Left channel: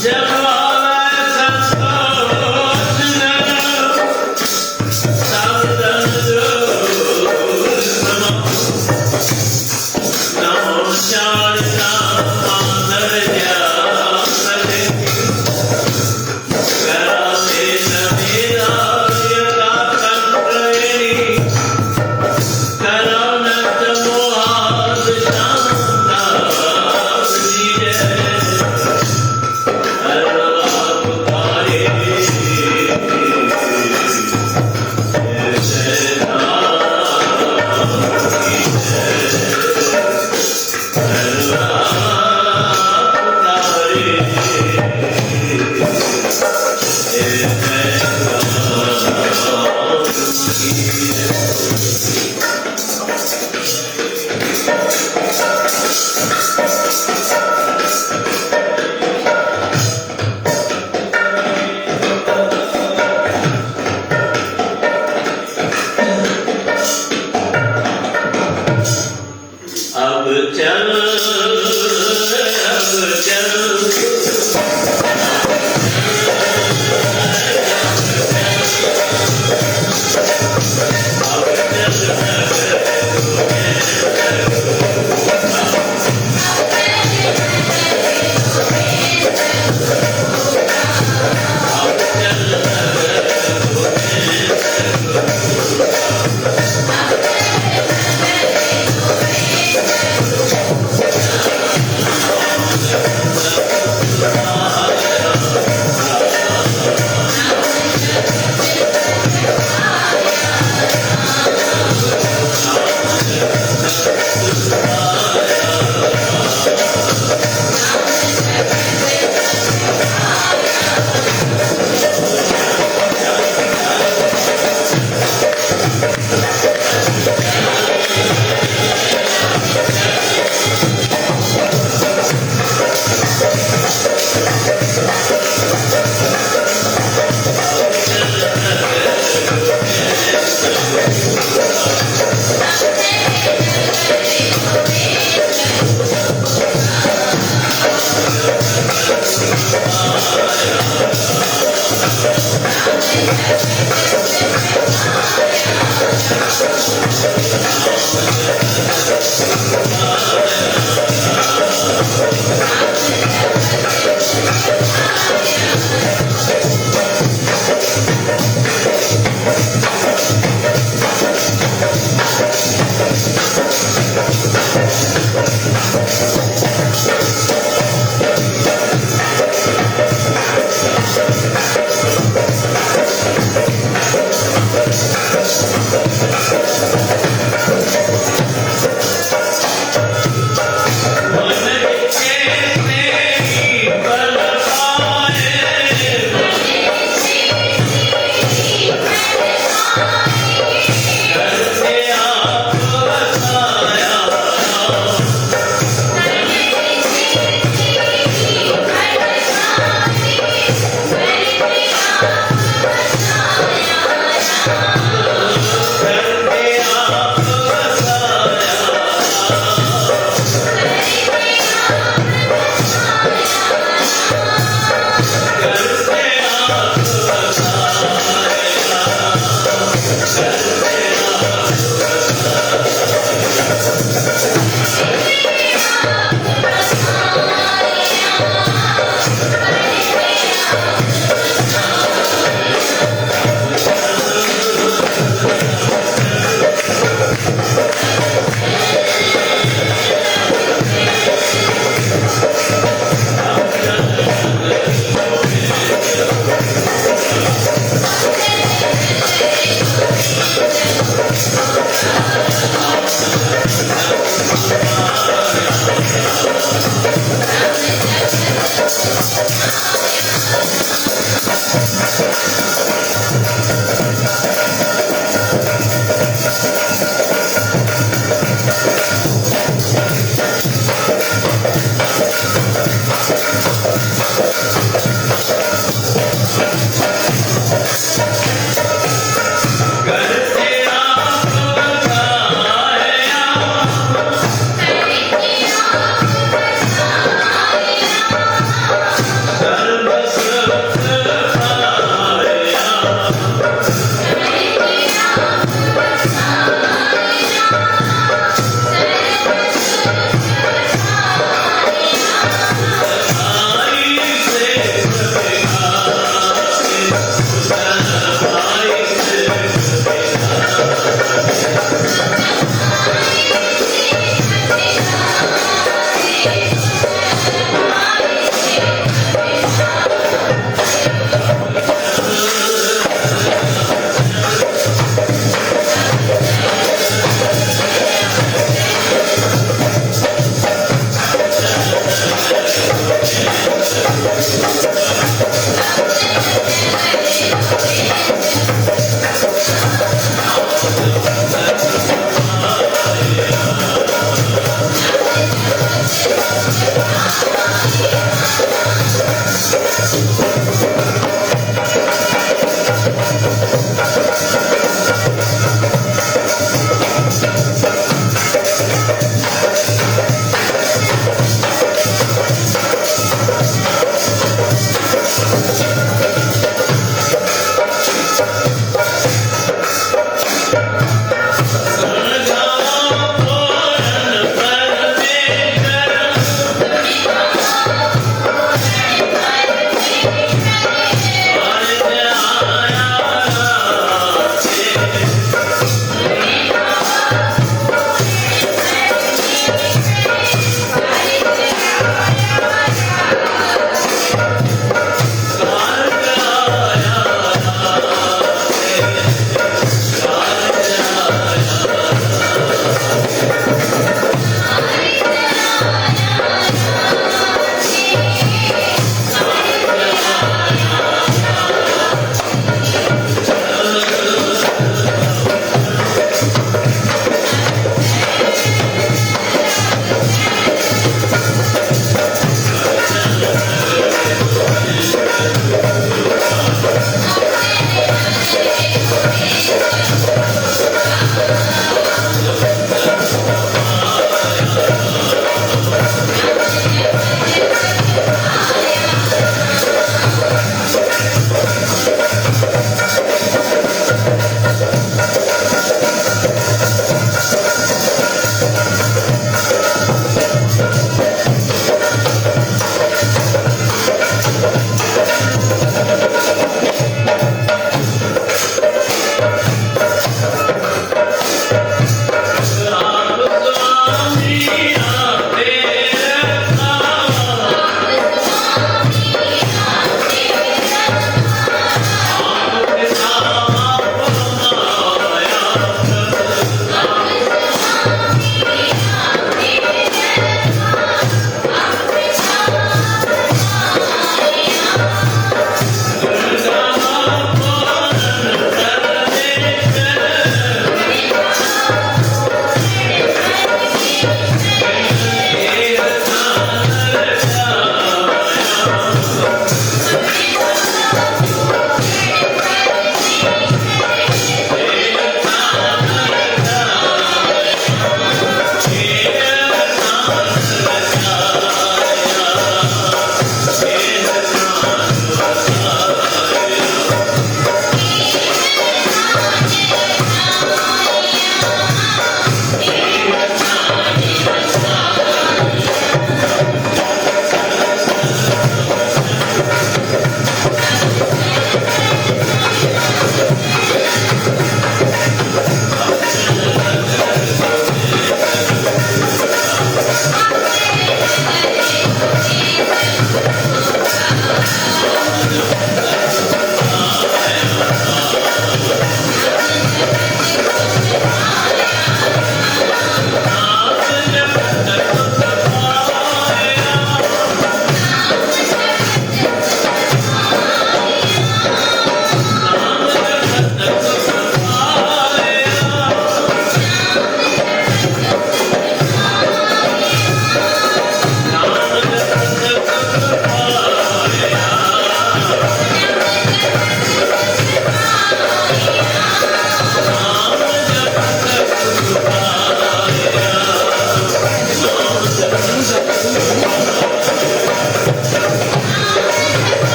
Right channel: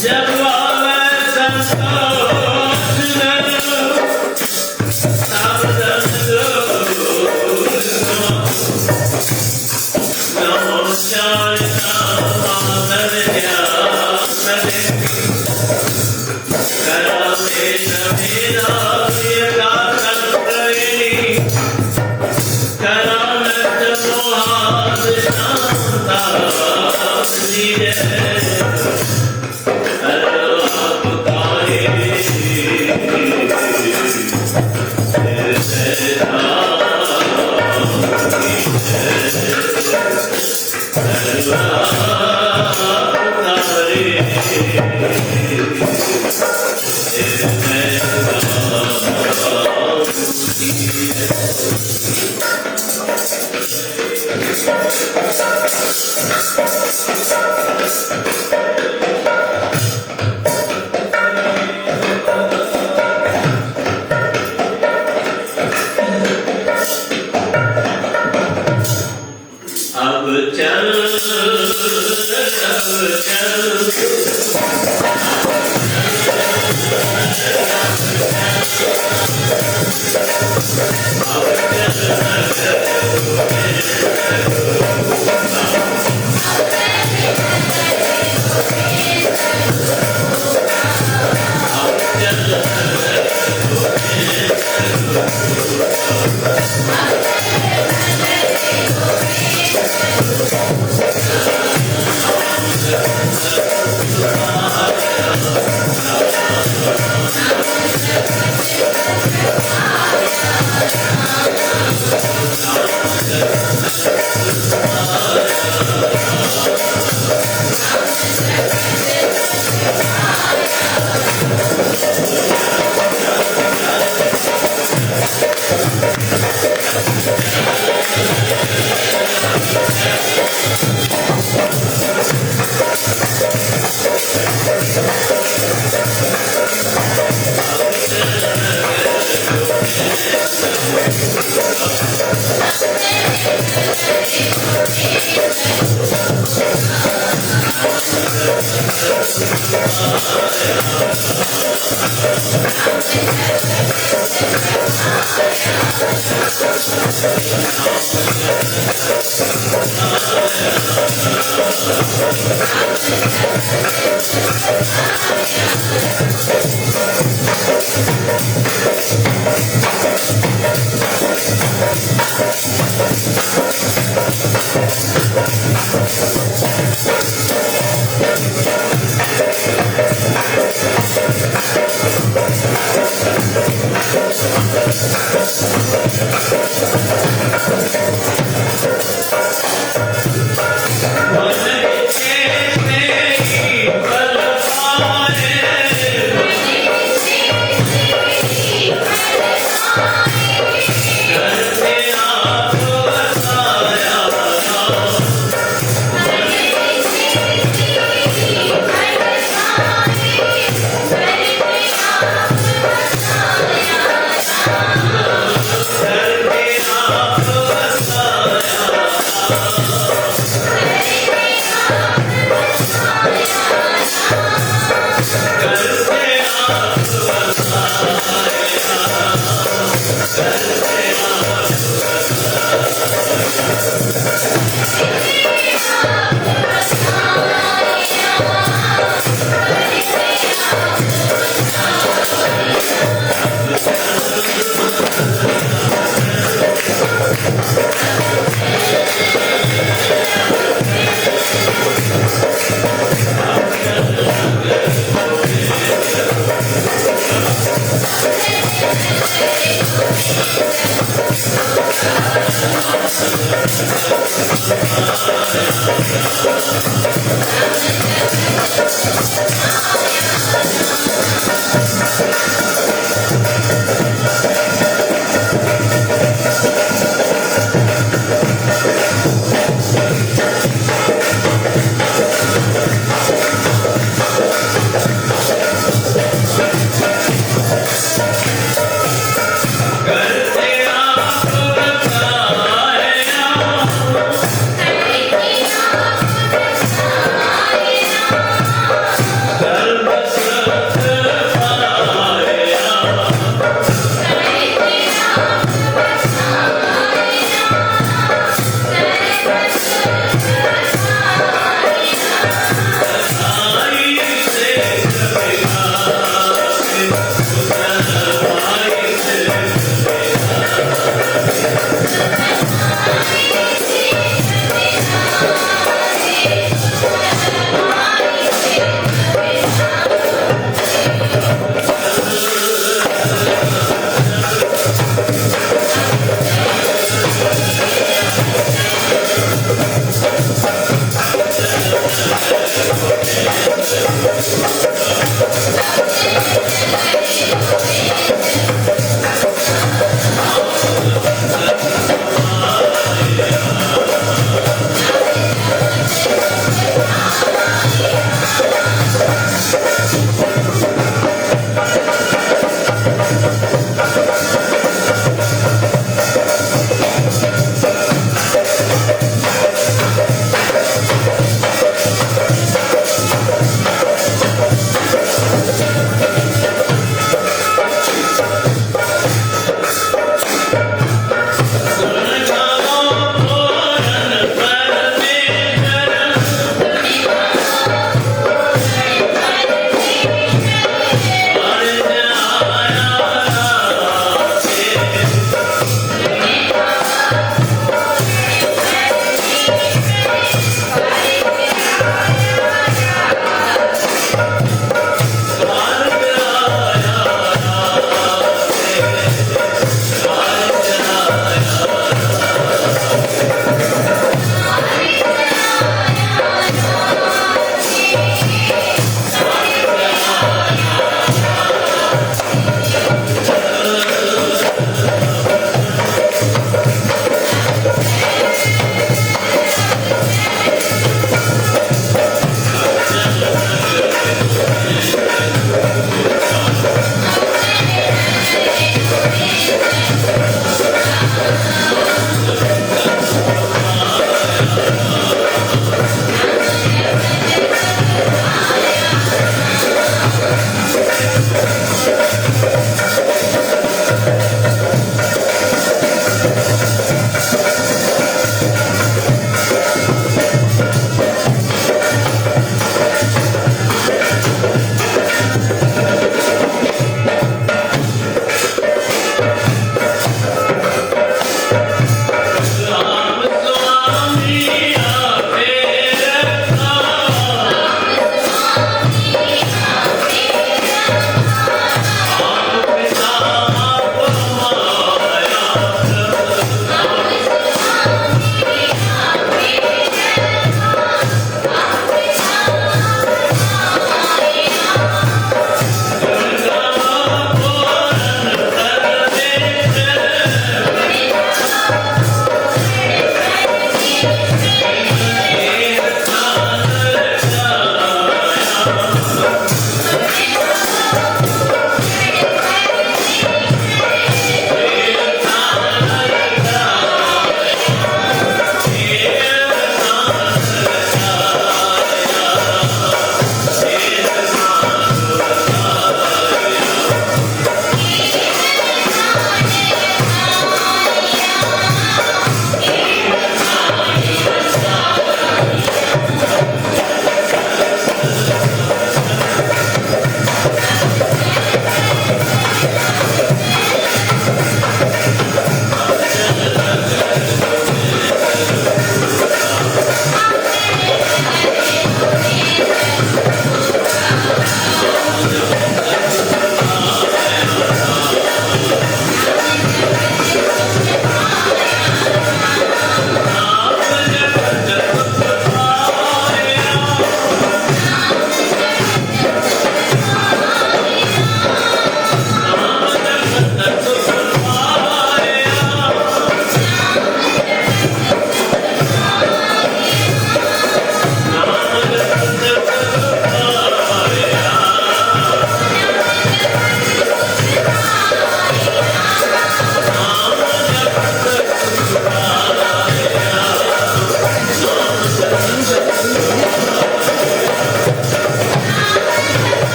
Better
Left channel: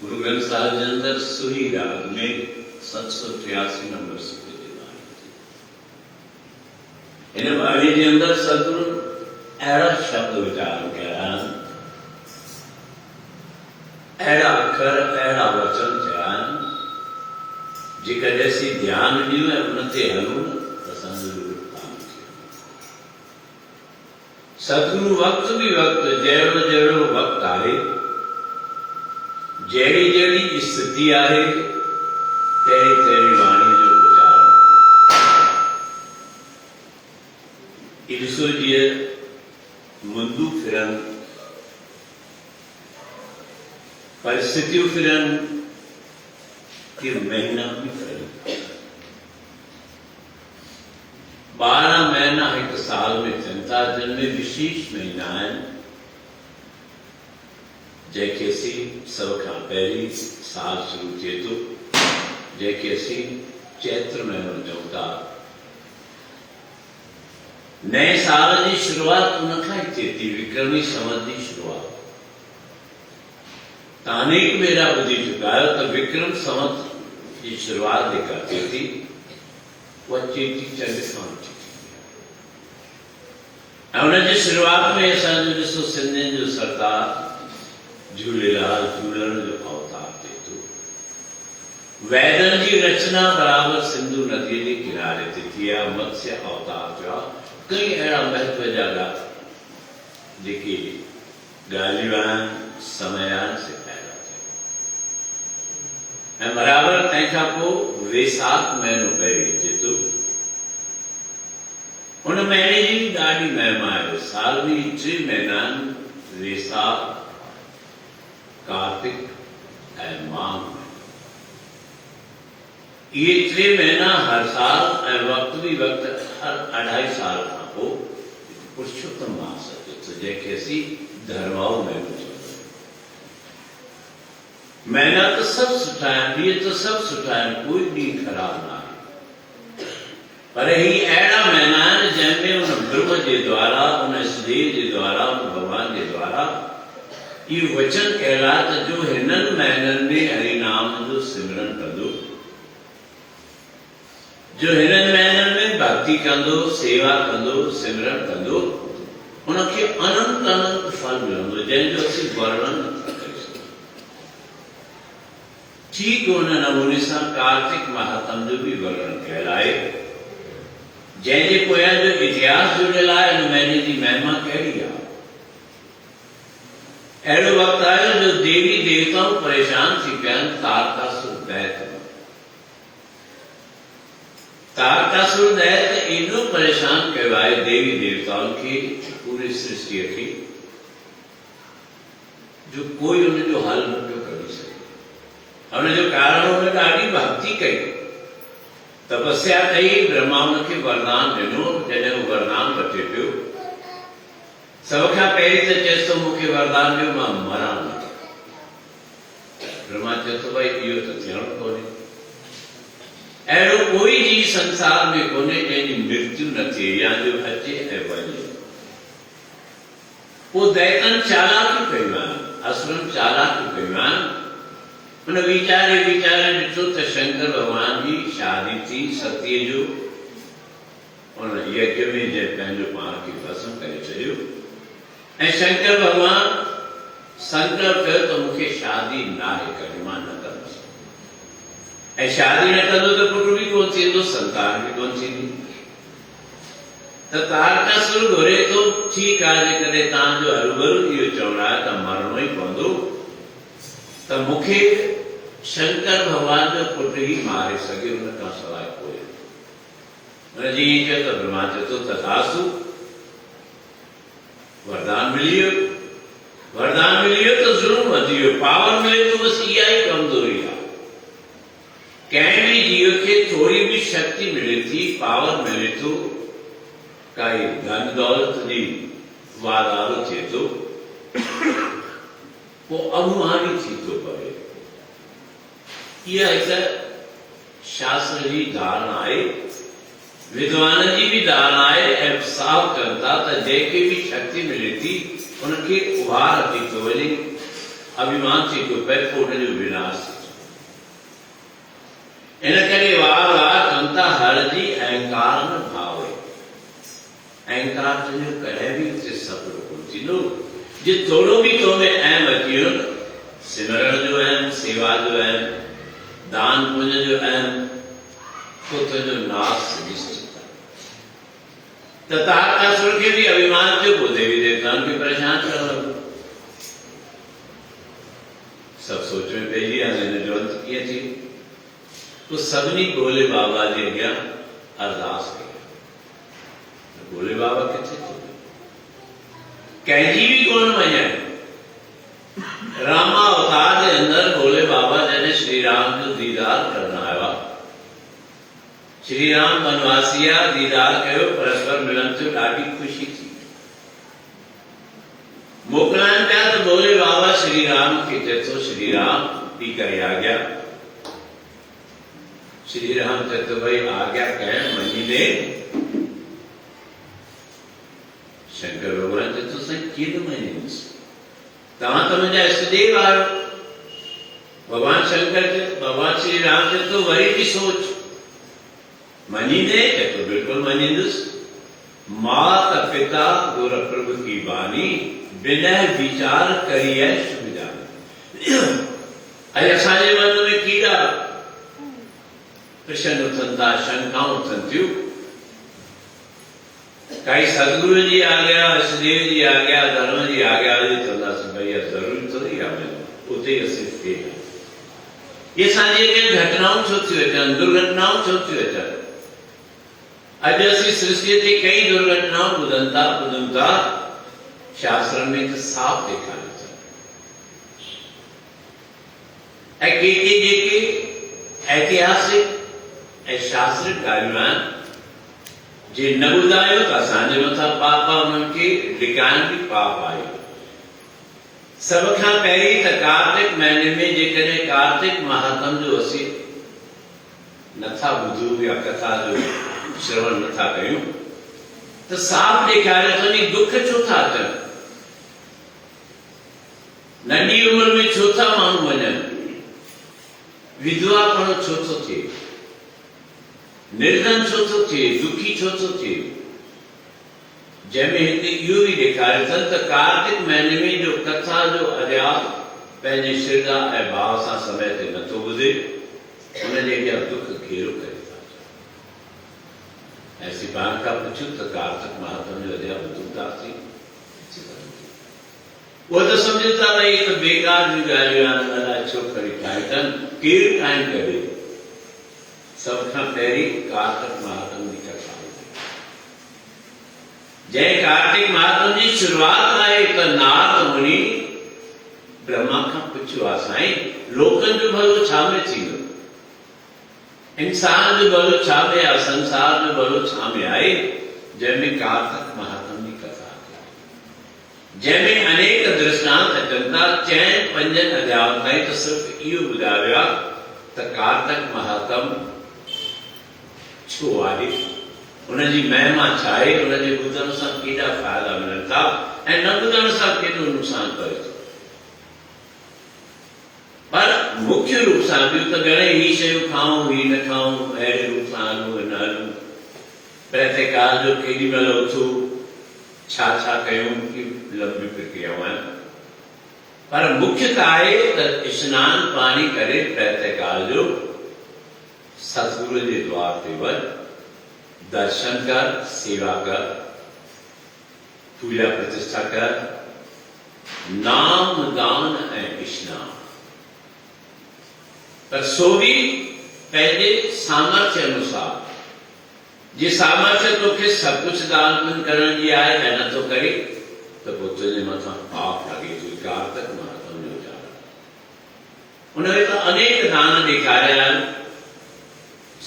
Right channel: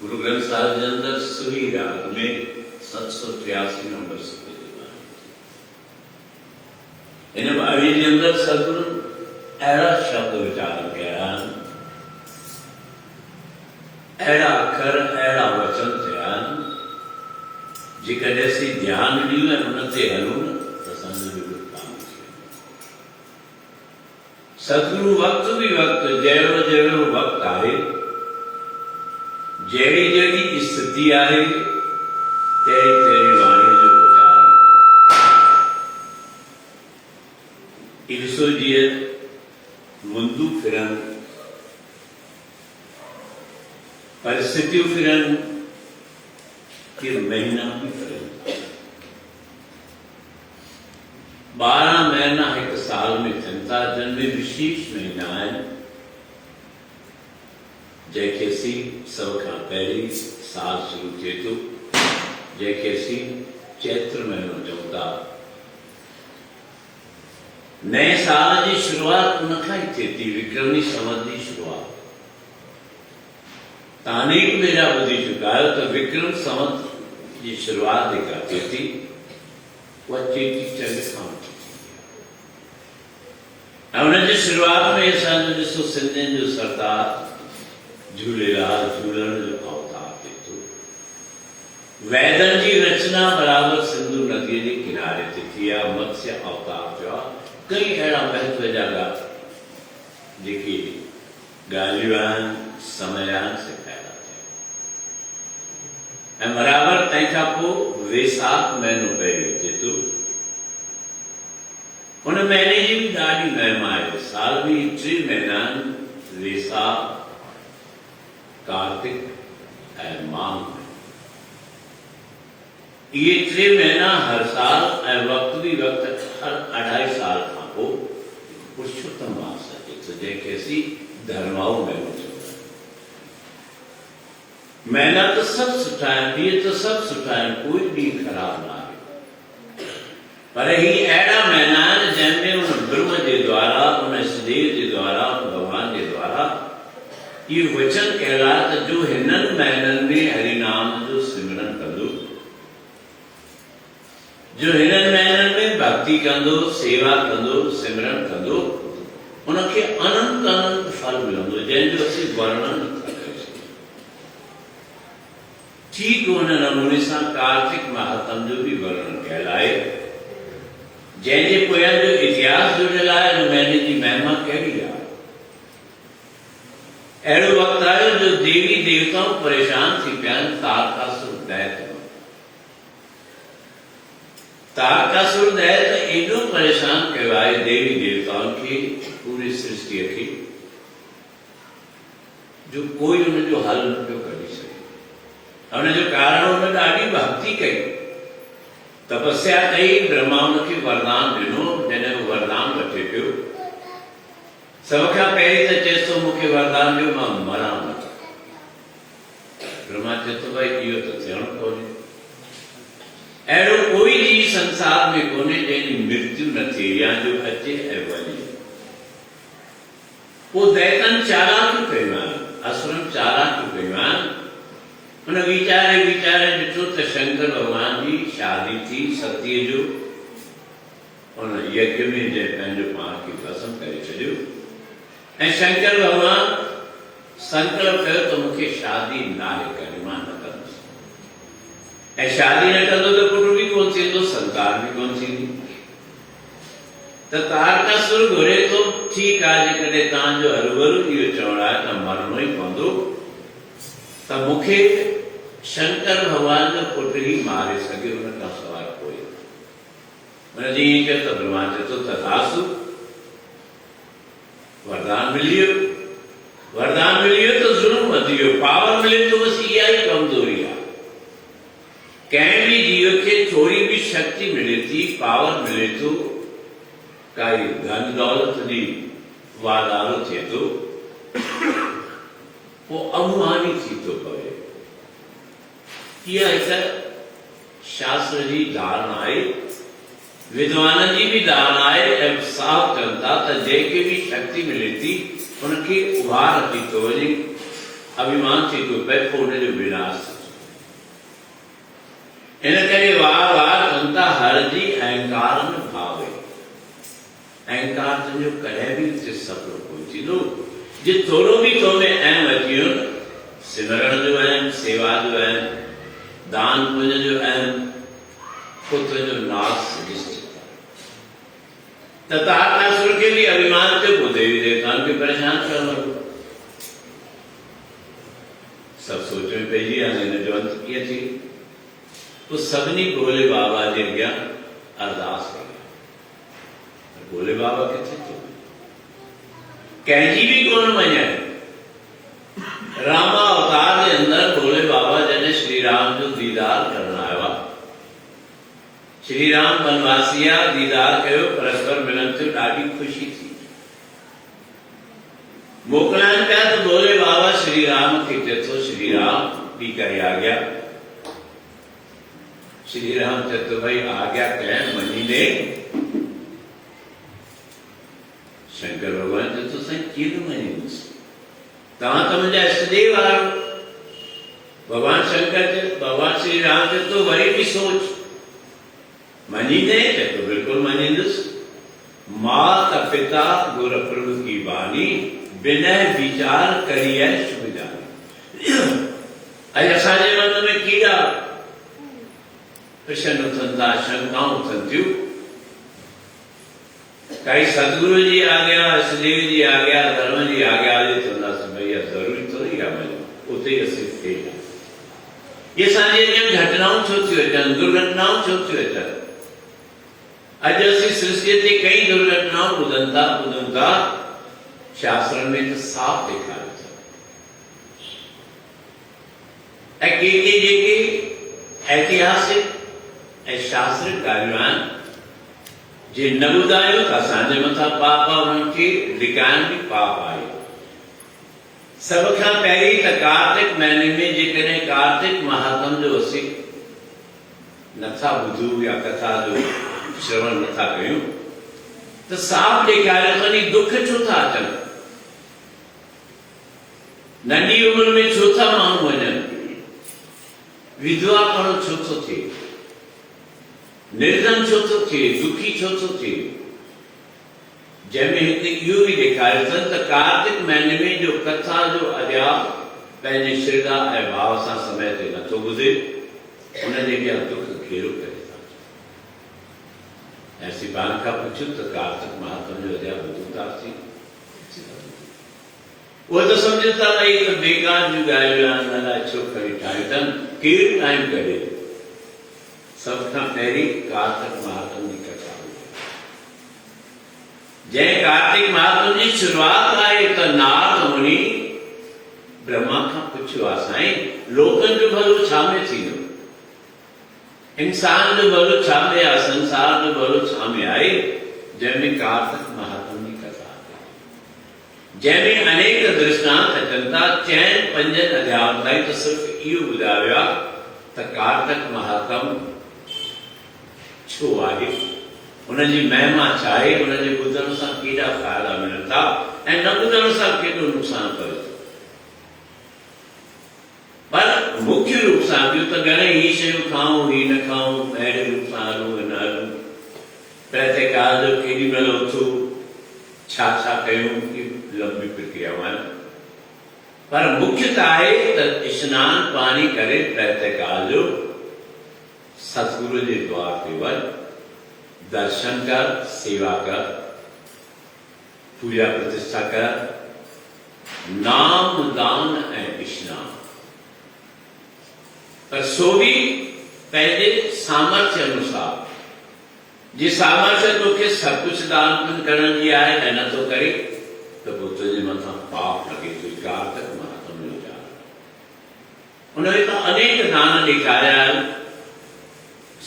Guru Granth Sahib के अंदर सुही राग में 783 नंबर से इन बाणी के अंदर सतगुरु अड़ा शब्द विचार किया, अड़ा अखर अड़ा वचन थे जेकर जैसी ध्यान ॾियूं ऐं उन ते हलूं त असांजो काम सतगुरु वक्त भी वक्त जहिड़ो जहिड़ो वक्त आहे, जहिड़ी जहिड़ी स्थिति आहे, तहिड़ी तहिड़ी वाणी जो प्रचार। ईश्वर जी मुंदू फिरन, परिस्थितियों फिरन, फिर महीना भी फिरन। 12 महीना एक साल में थियनि जिनमें विशेष महीना आहिनि जंहिंखे असीं सभ खां पहिरीं साल शुरू थिए थो, जंहिंखे असीं चैत्र महीनो चऊं था। नए साल जी शुरूआत उन खां ई थिए थी, विक्रमी संवत जी शुरूआत। तव्हां अनेक भेरा ॿुधी चुका आहियो त विक्रम संवत जी शुरूआत जेका थिए थी उहा चेटी चंड खां ऐं उनजी शुरूआत में असांजो ॾिसो सिंधियुनि जो सरदार झूलेलाल झूलण जो अवतार थिए थो। वैदनि जी रचना बराबरि सिंधु नदीअ जे किनारे ते थी आहे, मत्स्य अवतार थियो आहे। कई अहिड़ा महत्व जा जेके ॻाल्हियूं आहिनि समयान से पैदा थिया ऐं बराबरि तंहिंखां पोइ वेसाख महीनो पहिरीं अचे थो। उन महीने जी बि ॾाढी महिमा आहे। साल में 3 महीना आहिनि, वेसाख, कार्तिक ऐं माघ। ये 3 महीना हर साल ऐं वक्त भी वक्त हर 2.5 साल खां पोइ पुरुषोत्तम मास अचे थो, जंहिंखे असीं धर्माऊ महीनो चऊं। महीना त सभु सुठा आहिनि, ॾींहं त सभु सुठा आहिनि, कोई ॾींहुं ख़राब न आहे, पर ही अहिड़ा महीना आहिनि जंहिंमें उन ब्रह्म जे द्वारा, उन सदेव जे द्वारा, उन भगवान जे द्वारा ये वचन कहला त जो हिनन महीनन में हरिनाम जो सिमरन कंदो, जो हिनन महीनन में भक्ति कंदो, सेवा कंदो, सिमरन कंदो, उनके अनंत अनंत फल मिलंदो, जंहिंजो असीं वर्णन नथा करे सघूं। ठीक उन नमूने सां कार्तिक महात्म जो भी वर्णन कयल आहे, जंहिंजे पोयां जो इतिहास जुड़ियल आहे, उन महीने जी महिमा कहिड़ी आहे। अहिड़ो वक़्तु आयो जो देवी देवताऊं परेशान थी पिया आहिनि तारकासुर दैत। तारकासुर दैत एॾो परेशान कयो आहे देवी देवताउनि खे, पूरी सृष्टिअ खे, जो कोई उनजो हल न पियो कढी सघे। उनजो कारण हुन ॾाढी भक्ति कई, तपस्या कई, ब्रह्मा उनखे वरदान ॾिनो। जॾहिं हू वरदान वठे पियो, सब खां पहिरीं त चएसि थो मूंखे वरदान ॾियो मां मरां न। ब्रह्मा चए थो भाई इहो त थियणो कोन्हे, अहिड़ो कोई जीव संसार में कोन्हे जंहिंजी मृत्यु न थिए या जो अचे ऐं वञे। पोइ दैतन चालाकियूं कयूं आहिनि, असुरनि चालाकियूं कयूं आहिनि। उन वीचारे ॾिठो त शंकर भॻवान जी शादी थी सतीअ जो, उन यज्ञ में जंहिं पंहिंजो पाण खे भस्म करे छॾियो, ऐं शंकर भॻवान संकल्प कयो त मूंखे शादी नाहे करणी, मां न कंदुसि। ऐं शादी न कंदो त पुटु बि कोन थींदो, संतान बि कोन थींदी। त तारकासुर घुरे थो, ठीकु आहे जेकॾहिं तव्हांजो हरूभरू इहो चवणु आहे त मरणो ई पवंदो, त मूंखे शंकर भॻवान जो पुटु ई मारे सघे, उन खां सवाइ कोई। हुनजी चयो त ब्रह्मा चए थो तथास्तु, वरदान मिली वियो। वरदान मिली वियो त ज़ुल्म वधी वियो, पावर मिले थो, बसि इहा ई कमज़ोरी आहे। कंहिं बि जीव खे थोरी बि शक्ति मिले थी, पावर मिले थो, काई धन दौलत जी वाधारो थिए थो, पोइ अभिमानी थी थो पवे। इहा हिकु शास्त्र जी धारणा आहे, विद्वान जी भी धारणा है। ऐं साफ़ कनि था त जंहिंखे भी शक्ति मिले थी उनखे उभार अची थो वञे, अभिमान थी थो पए, पोइ उनजो विनाश। इन करे वार वार कनि था हर जी अहंकार न भावे। अहंकार तुंहिंजो कॾहिं बि हिते सफ़ल कोन थींदो। जे थोरो बि तो में अहम अची वियो, सिमरण जो अहम, सेवा जो अहम, दान पुण्य जो अहम, तो तुंहिंजो नाश निश्चित। त तारकासुर खे बि अभिमान थियो, पोइ देवी देवताउनि खे परेशान करणु लॻो। सभु सोच में पइजी विया, हिनजो अंत कीअं थींदो। तो सभिनी भोले बाबा जे अॻियां अरदास कई। भोले बाबा किथे थो, कंहिंजी बि कोन मञाई। रामा अवतार जे अंदरि भोले बाबा जॾहिं श्री राम जो दीदार करण आया, श्री राम वनवासिया दीदार कयो, परस्पर मिलन थियो, ॾाढी ख़ुशी थी। मोकिलाइनि पिया त भोले बाबा श्री राम खे चए थो, श्री राम ॿी काई आज्ञा। श्री राम चए थो भई आज्ञा कंहिं मञी ले। शंकर भॻवान चए थो साईं कीअं मञींदुसि, तव्हां त मुंहिंजा इष्टदेव आहियो। भॻवान शंकर चए, भॻवान श्री राम चए थो वरी बि सोच, मञींदे? चए थो बिल्कुलु मञींदुसि। मात पिता गुर प्रभु की बानी, बिनय विचार करिए शुभ जानी। अॼु असांजे मन में कीड़ा प्रश्न उथनि था, शंकाऊं उथनि थियूं। काई सदगुरु जी आज्ञा, इष्टदेव जी आज्ञा, धर्म जी आज्ञा हली चवंदासीं भई ज़रूरी थोरी आहे वञो, उते असीं फेल। इहे असांजे अॻियां घटनाऊं छो थियूं अचनि, दुर्घटनाऊं छो थियूं अचनि। अॼु असीं सृष्टि ते कई दुर्घटनाऊं ॿुधूं था, शास्त्रनि में त साफ़ ॾेखारे थो। ऐं के जेके ऐतिहासिक ऐं शास्त्रिक ॻाल्हियूं आहिनि, जे न ॿुधायो त असांजे मथां पाप आहे, उन्हनि खे लिकाइण बि पाप आहे। सब खां पहिरीं त कार्तिक महीने में जेकॾहिं कार्तिक महात्म जो असीं नथा ॿुधूं या कथा जो श्रवण नथा कयूं त साफ़ ॾेखारे थो नी दुख छो था अचनि। नंढी उम्र में छो था माण्हू वञनि, विधवा पण छो थो थिए, निर्धन छो थो थिए, दुखी छो थो थिए, जंहिंमें हिते इहो ई ॾेखारियो अथनि त कार्तिक महीने में जो कथा जो अध्याप पंहिंजे श्रद्धा ऐं भाव सां समय ते नथो ॿुधे, उनजे अॻियां दुख घेरो करे था। ऐं सिपाहिन खां पुछियो त कार्तिक महात्म जो अध्याप ॿुधंदासीं? वो तो समझो था भाई तो बेकार जूं ॻाल्हियूं आहिनि, हुन लाइ छो खणी ठाहियूं अथनि, केरु टाइम कढे। सभ खां पहिरीं कार्तिक महात्म जी कथा, जंहिं कार्तिक महात्म जी शुरूआत आहे त नारद मुनि ब्रह्मा खां पुछियो आहे, साईं लोकनि जो भलो छा में थींदो, इंसान जो भलो छा में आहे, संसार जो भलो छा में आहे, जंहिंमें कार्तिक महात्म जी कथा आहे, जंहिंमें अनेक दृष्टांत अचनि था। 4-5 अध्याय ताईं त सिर्फ़ इहो ॿुधायो आहे त कार्तिक महात्म छो आहे, उनजी महिमा छा आहे, उनजे ॿुधण सां केॾा फ़ाइदा मिलनि था ऐं न ॿुधण सां केॾो नुक़सान पए थो। पर मुख्य रूप सां ॿियूं त घणेई ही शयूं खाऊं, ही न खाऊं, अहिड़े रूप सां हलूं न हलूं, प्रातःकाल जो केॾी महिल उथूं, छा छा कयूं, लंबी प्रक्रियाऊं आहिनि। पर मुख्यता आहे त स्नान पाणी करे प्रातःकाल जो सतगुरु जे द्वार ते वञ, दर्शन कर, सेवा कर, पूजा प्रतिष्ठा कर, नाम दान ऐं स्नान, पर सो भी पंहिंजे सामर्थ्य अनुसार। जे सामर्थ्य तोखे सब कुछ दान पुण्य करण जी आहे ऐं नथो करे त पोइ तुंहिंजे मथां पाप लॻे थो। कार्तिक महात्म जो ॼाण, उनमें त अनेक दान ॾेखारिया आहिनि।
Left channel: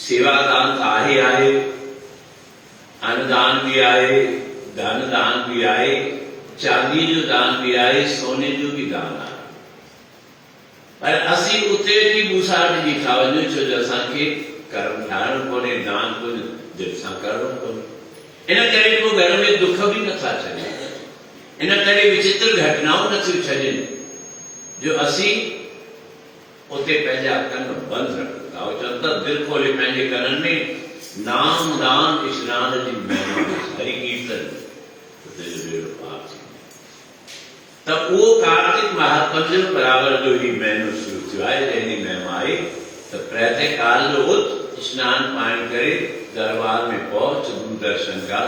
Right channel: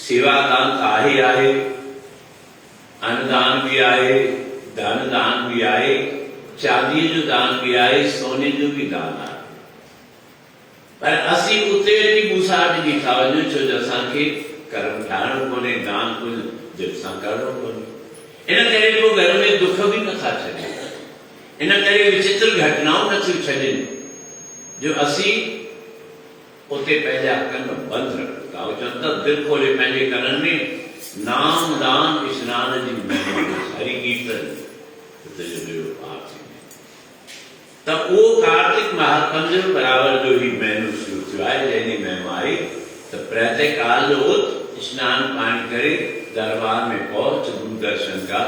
सेवा दान त आहे, अन्नदान भी आहे, धन दान भी आहे, चांदी जो दान भी आहे, सोने जो भी दान आहे। पर असीं उते बि मूसाट जी था वञूं, छो जो असांखे कर्म ठाहिणो कोन्हे, दान पुण्य दिलि सां करणो कोन्हे। इन करे को घर में दुख भी नथा छॾनि, इन करे विचित्र घटनाऊं नथियूं छॾनि जो असीं उते पंहिंजा कन बंदि रखूं था। चवनि था दिलि खोले पंहिंजे कननि में नाम दान स्नान जी महिमा, हरि कीर्तन, त उहो कार्तिक महात्म जो बराबर जो ही महीनो शुरू थियो आहे, जंहिंजी महिमा आहे त प्रातःकाल जो उथ, स्नान पाणी करे दरबार में पहुच, दूरदर्शन कर,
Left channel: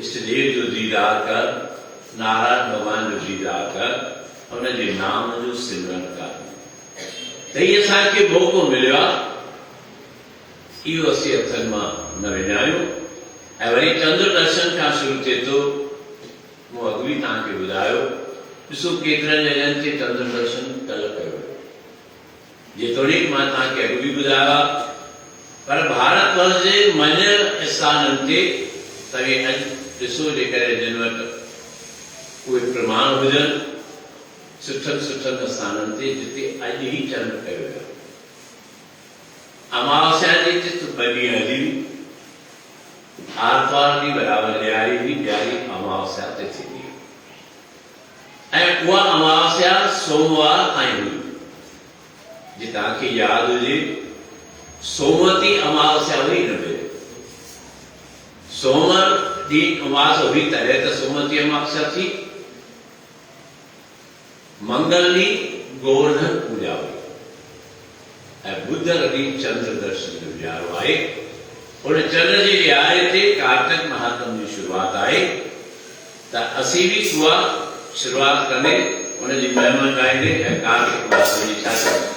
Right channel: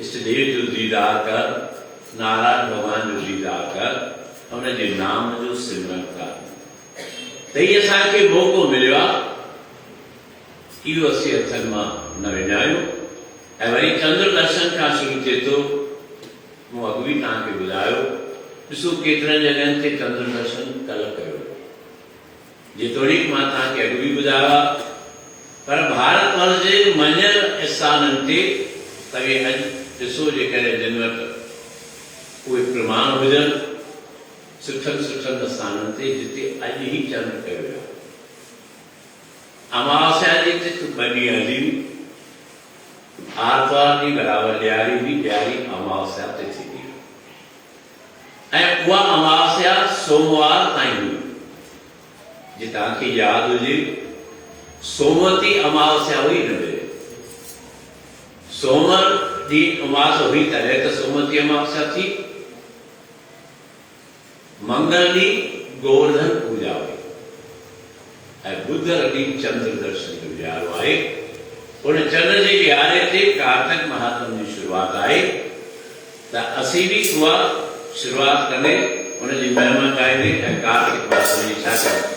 इष्टदेव जो दीदार कर, नारायण भगवान जो दीदार कर, उनजे नाम जो सिमरन कर। त हीअ असांखे मौक़ो मिलियो आहे, इहो असीं हथनि मां न विञायूं। ऐं वरी चंद्र दर्शन खां शुरू थिए थो। मूं अॻु बि तव्हांखे ॿुधायो, ॾिसो केतिरनि जॻहनि ते चंद्र दर्शन कल्ह कयो, जेतोणीकि मां तव्हांखे अॻु बि ॿुधायो आहे। पर भारत वर्ष जे मञियल स्थाननि ते तव्हां अॼु ॾिसो, जेकॾहिं जिन वटि उहे प्रमाण हुजनि, सुठनि स्थाननि ते जिते अॼु ई चंड कयो वियो, अमावस्या जी तिथि 2 ॾींहं हली, आर्तवार जी बराबर ॾियारी भी, ॾियारी अमावस्या ते थींदी ऐं उहा अमावस्या सोमवार ताईं हुई। जे तव्हांखे यादि हुजे, सोमवती अमावस्या हुई न हुई, सोमवार ॾींहुं उमास हुई तॾहिं त सोमवती अमावस्या थी। मंगल ॾींहुं गोवर्धन पूजा हुई ऐं बुधर ॾींहुं चंद्र दर्शन जो ॾियारो आहे। उन चंद्र जी ॾियारे ते कार्तिक महात्म जी शुरूआत आहे, त असीं बि उहा शुरूआत कंदे उनजी महिमा ॻाईंदे ऐं कार्तिक महात्म जी छा कयूं।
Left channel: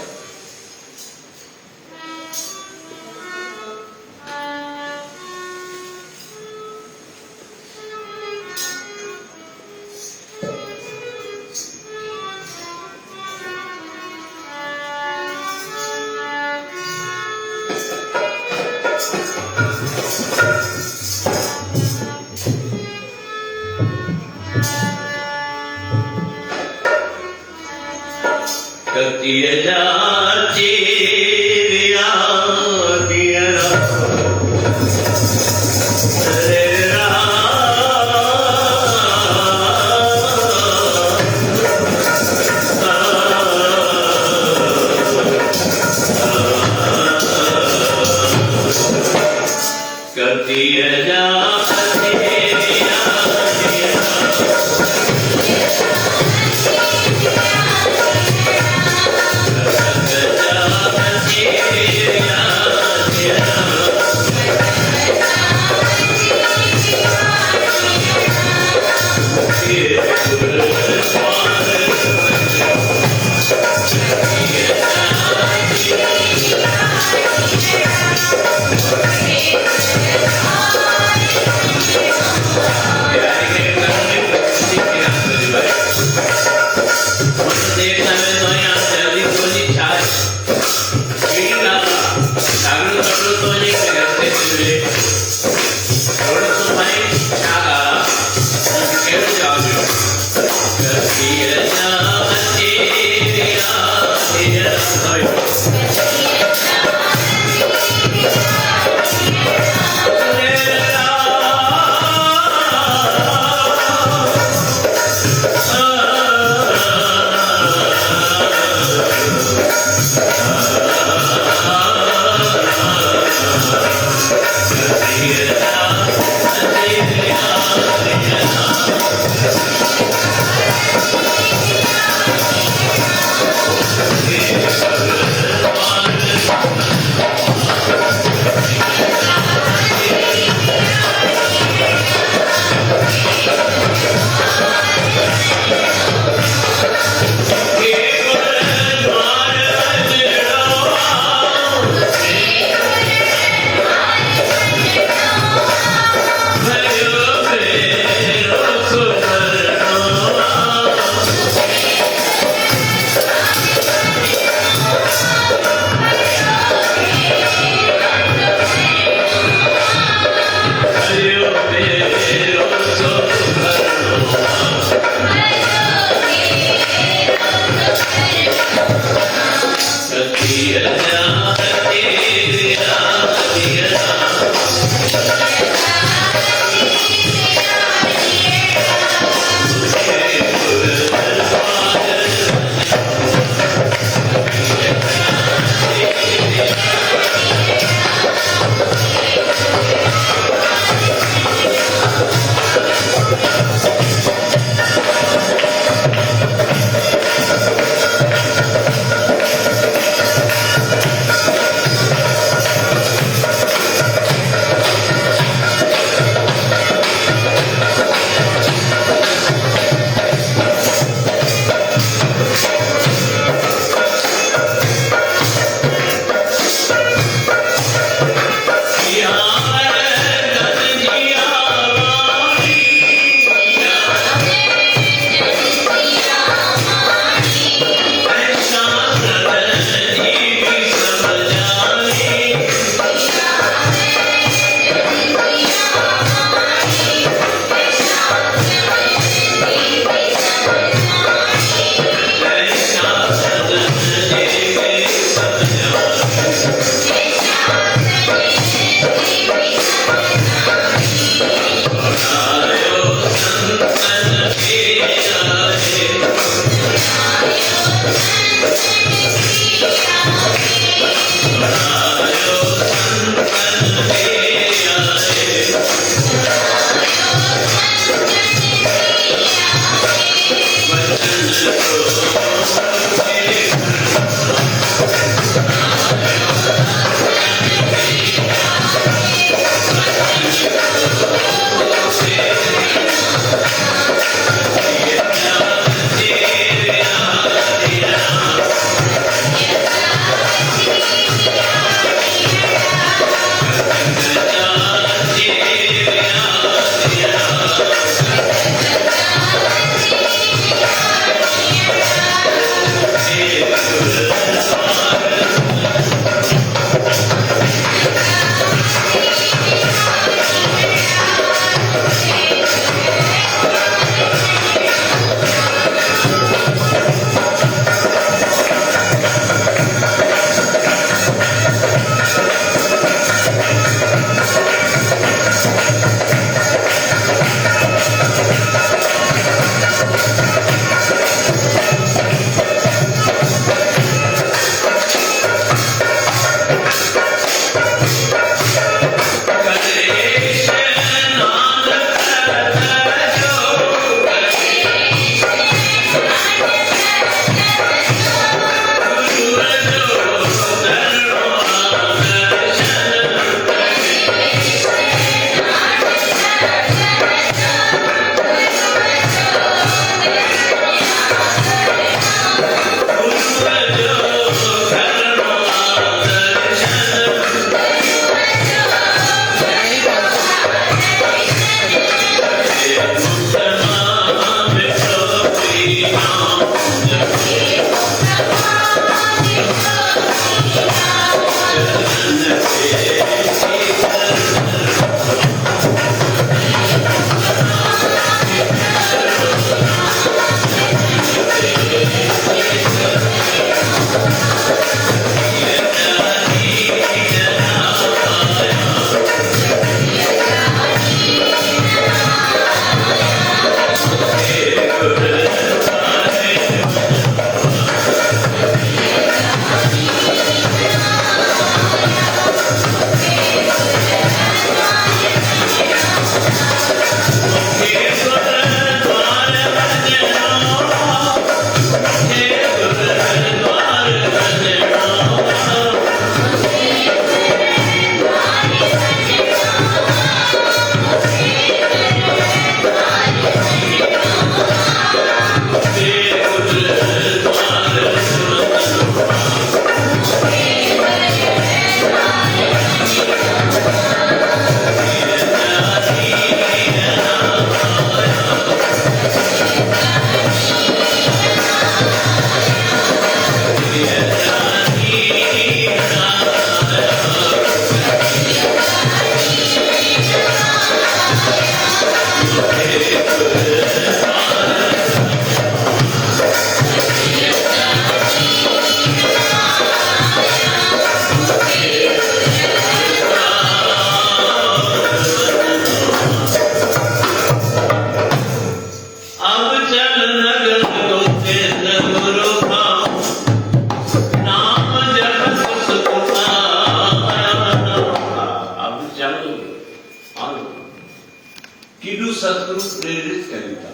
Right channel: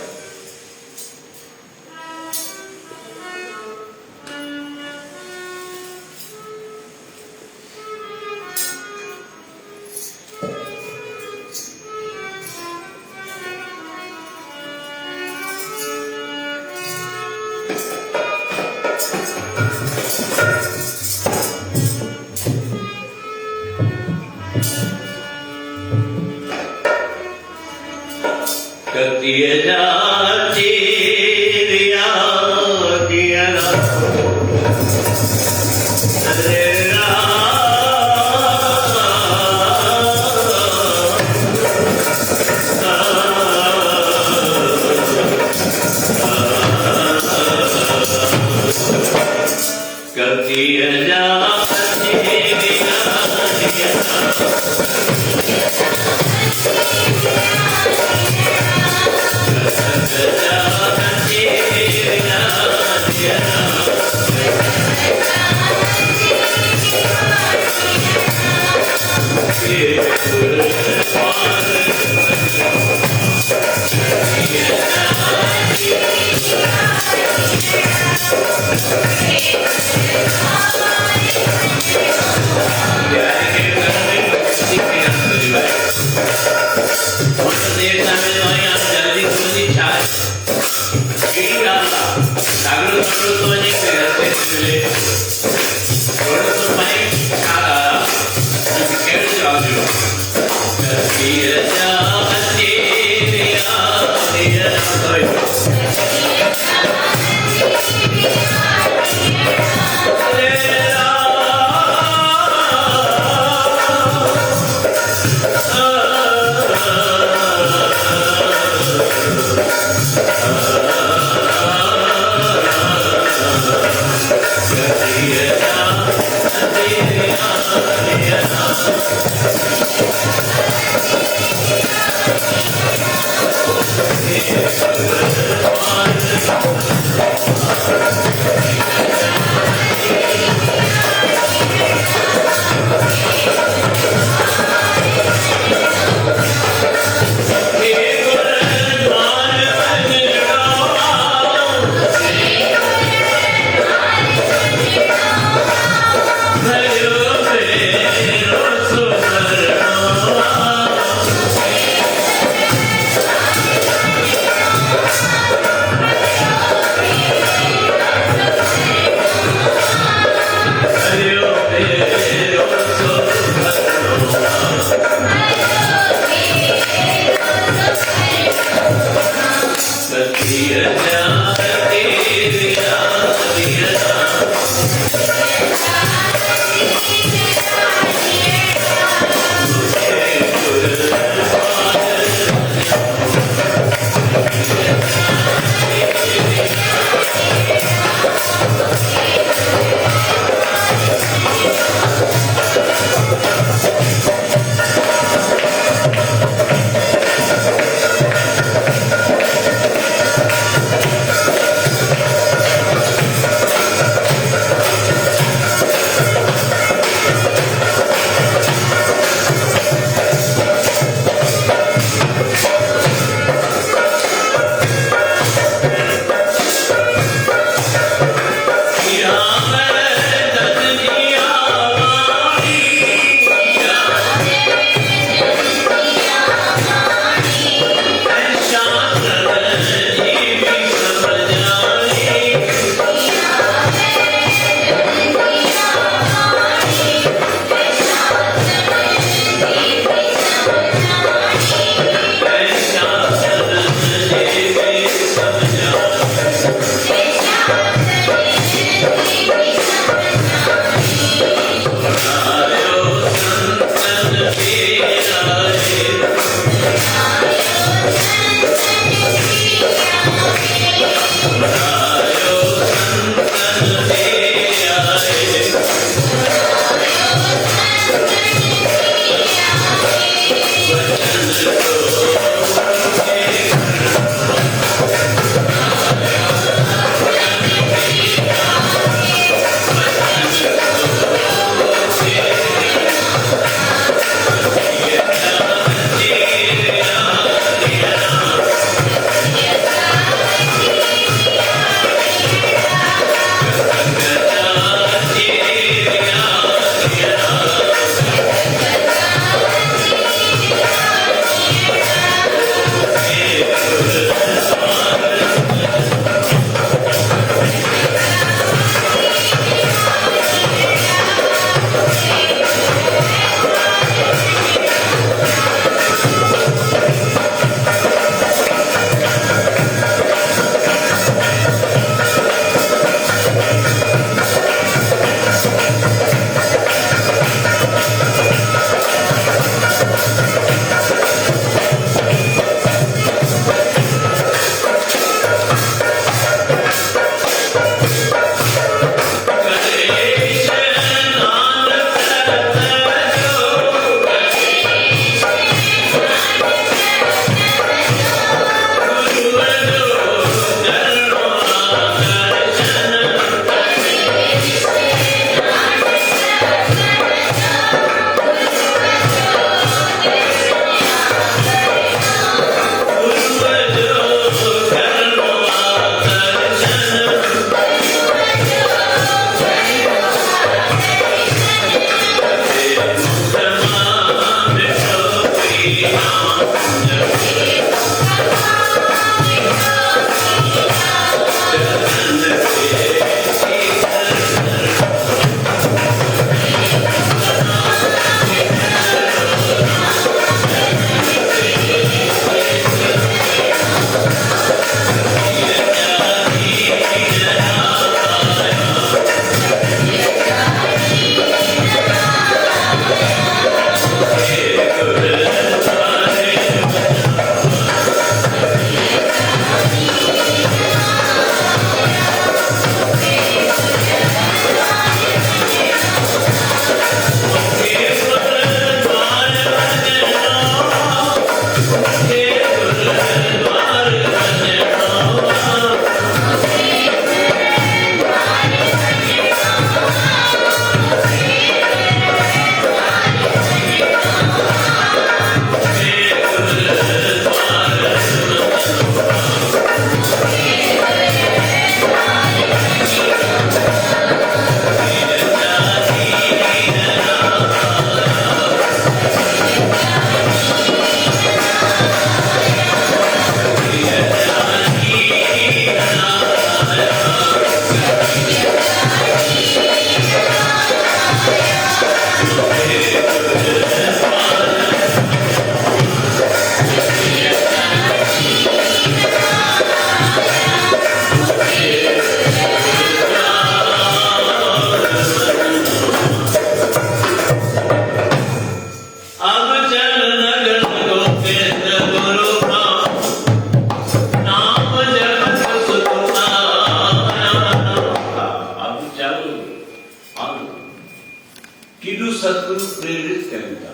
प्रेरित कयूं था।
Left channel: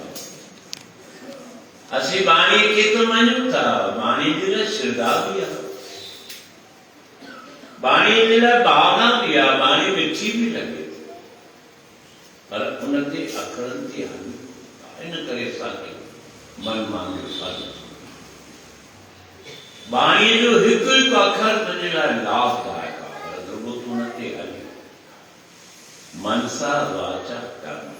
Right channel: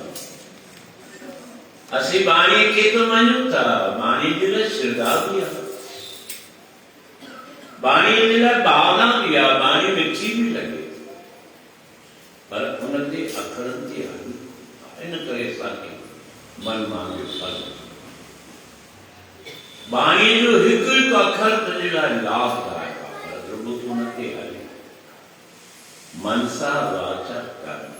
असीं बाणी खे तो मञूं था, बाणी जे लाइ श्रद्धा बि आहे, बाणी जे लाइ भावना बि आहे, बाणी मिठी बि लॻे, पर उन ते अखरनि ते हलूं, इन करे असांखे मन मांगियो फल। बाणीअ जो हिकु हिकु अखर तुंहिंजे लाइ लाभदायक आहे, पर रुॻो तूं उन ते हले। मनसा वाचा कर्म,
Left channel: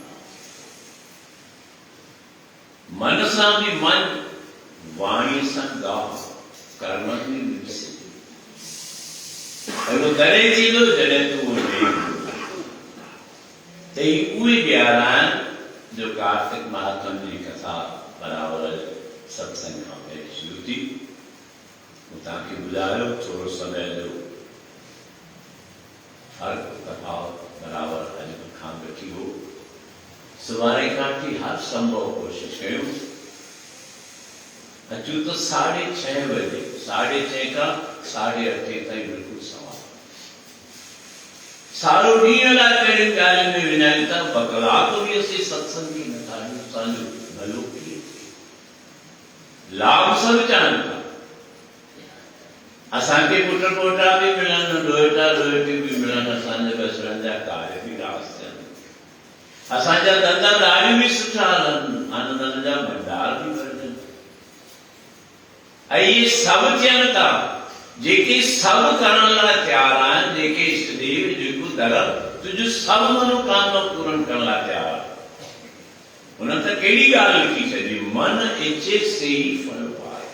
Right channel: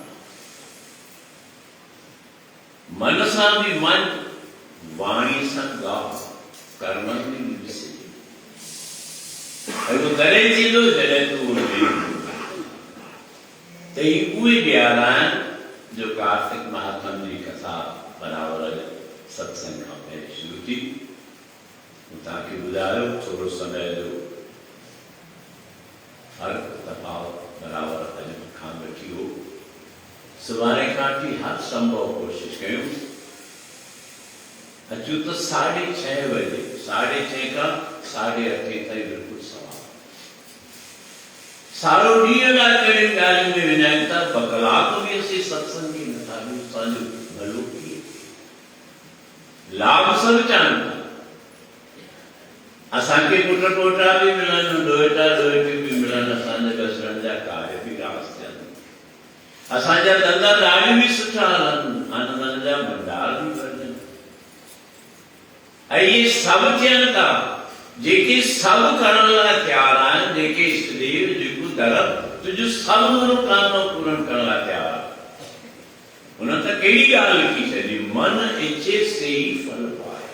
मन सां बि मन, वाणी सां ॻाल्हि, कर्म बि ॾिसे। अहिड़ो तॾहिं थींदो जॾहिं तूं उनमें त ही उहे ॾियारा आहिनि जो कार्तिक महात्म जी कथा बराबरि सत्संग खां पहिरीं शुरू थी। मूं तव्हांखे ॿुधायो थोरो समय जो हर दफ़ा बराबरि अॼु खां वठी हो, सुभाणे खां वठी हर संभव कोशिशि कयूं। अचूं त 6:30 बजे, 6:30 खां 8:30 ताईं बिल्कुलु सवाल। सारो ॾींहं लाइ कहिड़ी ॻाल्हि में विञायूं था, ॿ कलाक बि असीं सत्संग खे नथा ॾियूं, असांजो भलो कीअं? लाभ सभु चाहिनि था, असांखे पुट पोटा बि मिलनि, ॾोहिटा ॾोहिटियूं बि मिलनि, असांजा बसरनि जा कार्य बि रास थियनि, असांजा धंधा ॾाढियूं बि सुठा हलनि, आनंदनि जा भंडार बि भरजनि, ऐं इहे सभु थियनि था। जेके सभु करण लाइ तयारु आहिनि, जेके इष्टदेव जेको धर्म तुंहिंजो सभु मनोकामना पूरन करण लाइ तयारु आहे, हुन त कहिड़ी ॻाल्हि लिखी छॾी, मन इच्छे से ई फल पाए।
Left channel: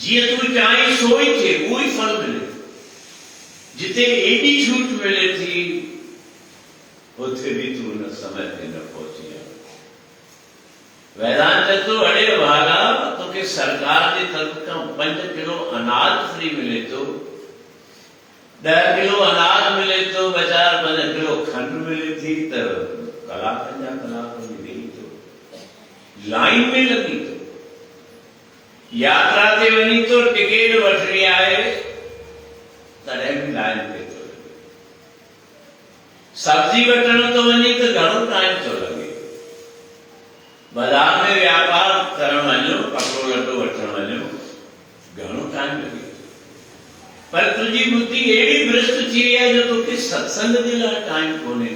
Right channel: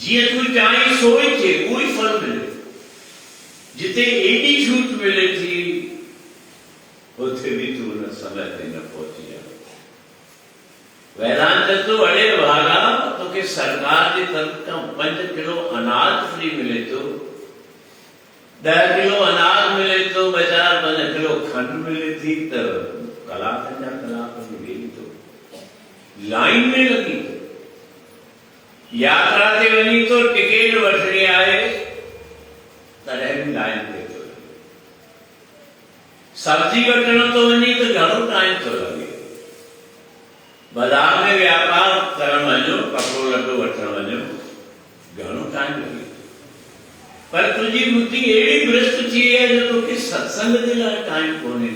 जीअं तूं चाहीं सो ई थिए, उहो ई फल मिले। जिते एॾी छूट मिले थी, उते बि तूं हुन समय ते न पहुची आहे। वेदांत तूं अड़े भागा, तोखे सरकार जी तरफ़ खां 5 किलो अनाज फ्री मिले थो, 10 किलो अनाज मिले थो, 4-5 किलो खंड मिले थी, त कलाकनि जा कलाक वेही थो, लाइन में लॻी थो, यात्रा ते वञी थो, टिकट वठणी आहे तॾहिं बि लाइन ते थो लॻे, सब्जी वठण थो वञी त घणो टाइम थो लॻे, बाज़ार में व्यापार करण वञो, कपिड़ो लटो वठण वञो, घणो टाइम लॻे, पर तुंहिंजी बुद्धि अहिड़ी भ्रष्ट थी वई आहे जो तोखे सत्संग जे लाइ टाइम कोन्हे,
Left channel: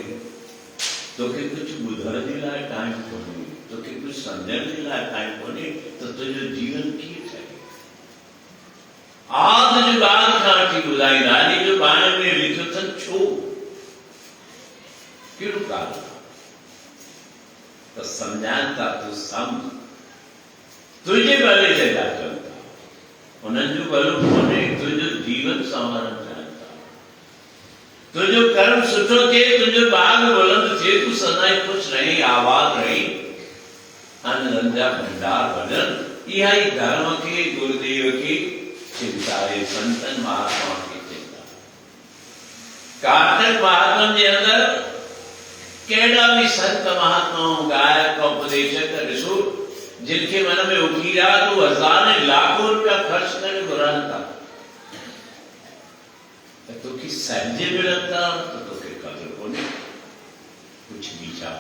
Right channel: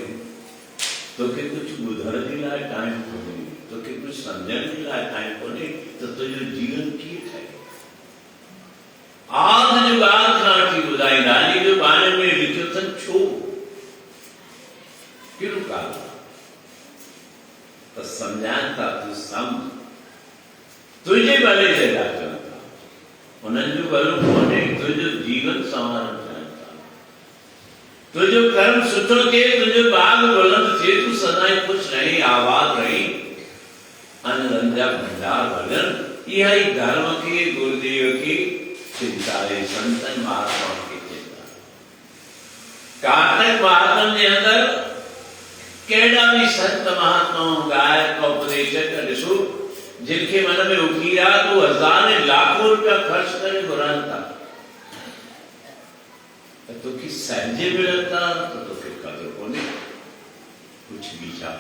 तोखे कुझु ॿुधण जे लाइ टाइम कोन्हे, तोखे कुझु सम्झण जे लाइ टाइम कोन्हे, त तुंहिंजो जीवन कीअं ठहे? आद जो ॻाल्हि खां वठी ॿुधाईंदा आहिनि, जो बाणी में लिखियो अथनि छो, कहिड़ो कारण त सम्झाइनि था, तूं सम्झ, तुंहिंजे भले जे लाइ चवनि था, उन्हनि जो भलो कोन्हे, तुंहिंजो जीवन संवारण चाहिनि था, तुंहिंजो कर्म सुठो थिए, तुंहिंजो बाग बुलंद थिए, तूं सदाई ख़ुशि रहीं, आबाद रहीं, आनंदनि जा भंडार भॼनि। इहा ई धर्म खे, गुरुदेव खे चिंता आहे, संतनि महात्मा खे चिंता। कार्तिक महात्म जे अंदरि कहिड़ा बि संत महात्माऊं, गायक, उपदेशक ॾिसो, जिनखे मन में उकीरा तो 1000 लाखों रुपया ख़र्च करे घुरनि था, त तोखे सहजे मिलनि था, त तोखे क़दुरु कोन्हे, कुझु बि छा।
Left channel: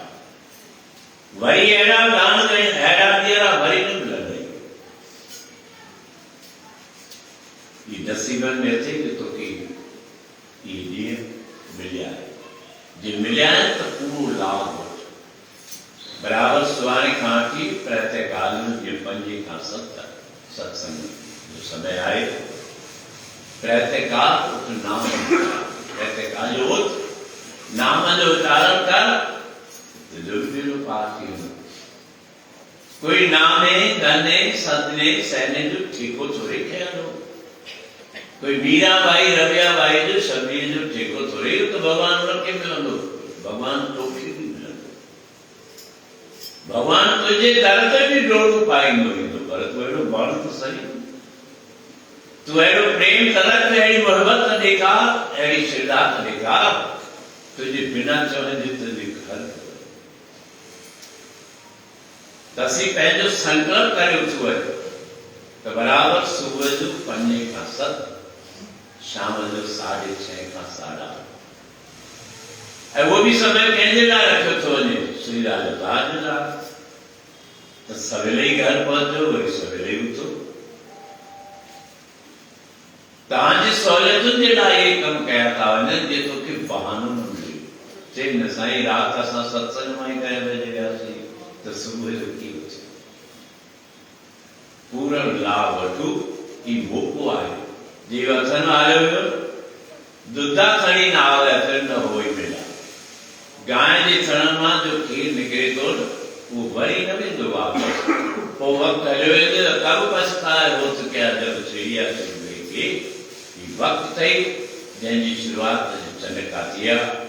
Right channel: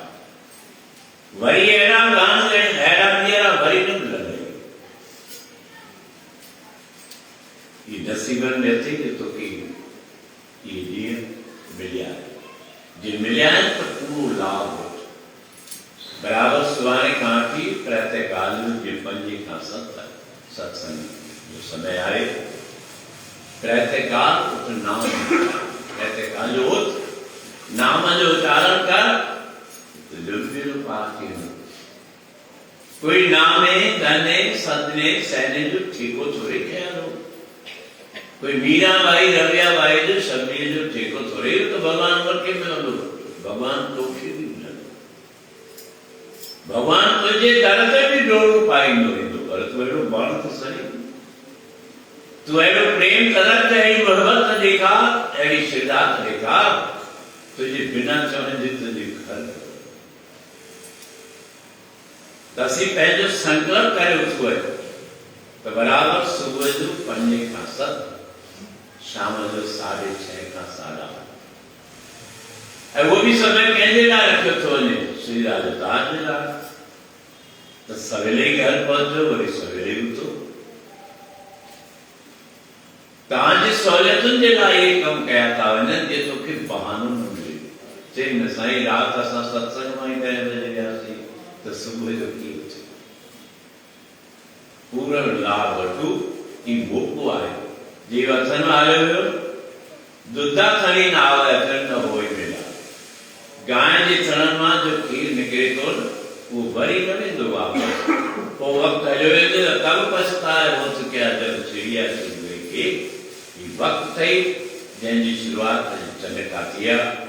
वरी अहिड़ा गान अहिड़ा ॿीहरा वरी न मिलंदा, इहे नसीबनि में अचे जो तोखे इहे ॾींहं मिलिया, जे मिलिया आहिनि त पूरो लाभ वठ। बराबरि सुभाणे खां वठी प्रातःकाल में 5 खां 7 सत्संग जो समय आहे। प्रातःकाल नाम, प्रातःकाल जो नाम जो उच्चारण कर, तुंहिंजो पार थी वेंदो। कोई नामे, गने, सदने, सहने जो ठेको थोरे कयल हो, कोई मीरा बाई, रविया बाई जो शबीर जो ठेको थोरे, तो भगवान उनखे मिलंदो, भगवान तोखे बि मिलंदो, भगवान तुंहिंजे दर ते बि डोड़ो पाईंदो ईंदो, पर तूं अहिड़ो वण त सही, तूं अहिड़ो प्रेम तरक, अहिड़ी मोहबत ॾेखार, अहिड़ी श्रद्धा ॾेखार, तुंहिंजे बिना चवण जे तुंहिंजे घर त असीं पंहिंजो संकल्प करे उथूं त बराबरि सुबुह जो 5 खां 7, शाम जो 6:30 खां 8:30 ऐं वो भी समय कंहिंजे लाइ रखियो थो वञे, श्री राजा तव्हांजे लाइ। त सवेल ई घर पहुचो, वरी सवेल ई उथो। तव्हांजी सहूलियतुनि जे लाइ इहे कम कया था वञनि जे तोखे बहानो न मिले। चई न साईं, राति असां सत्संग मां ई 10 बजे वियासीं त सुबुह जो कीअं अचे। पूरो लाभ वठो, ई मौक़ो आहे। जे वचन वारियो वियो दुधा खणी न आवे अचनि न होई मिला। गांइ जे थण मां जो खीर निकिरे थो न, उहो वरी न वेंदो वापसि। पोइ वक़्तु हलियो वेंदो त कब पछताए होत कया जब चिड़िया चुग गई के। ही वक़्तु अथई जंहिंजी शुरूआति चंड थी आहे।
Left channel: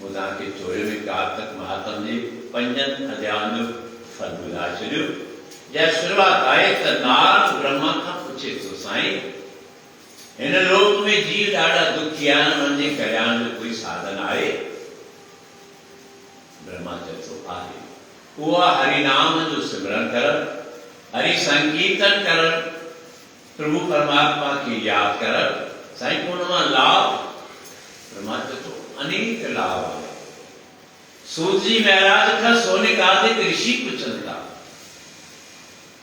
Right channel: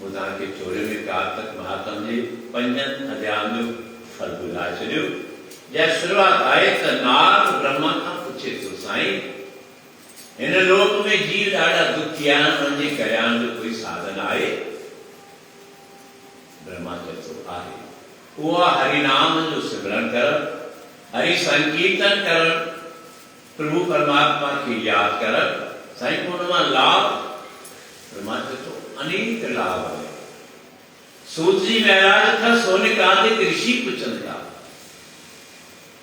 वो तव्हांखे 24वें कार्तिक महात्म जे 5 अध्यायनि जो फल ॿुधाए छॾियो। या शुरूआति आहे त नारद ब्रह्मा खां पुछे थो, साईं हिन लोक में जीव ॾाढा दुखी आहिनि, उन्हनि जे कल्याण जो कोई साधन आहे? ब्रह्मा चए थो आहे। उहो हरिनाम जो सिमरन करण, हरि संकीर्तन करण, प्रभु परमात्मा खे यादि करण। साईं उन मां लाभ, ब्रह्मा चए थो अनेक लाभ आहे। सूत जी महाराज खां सोनिक आदिक ऋषि पुछनि था,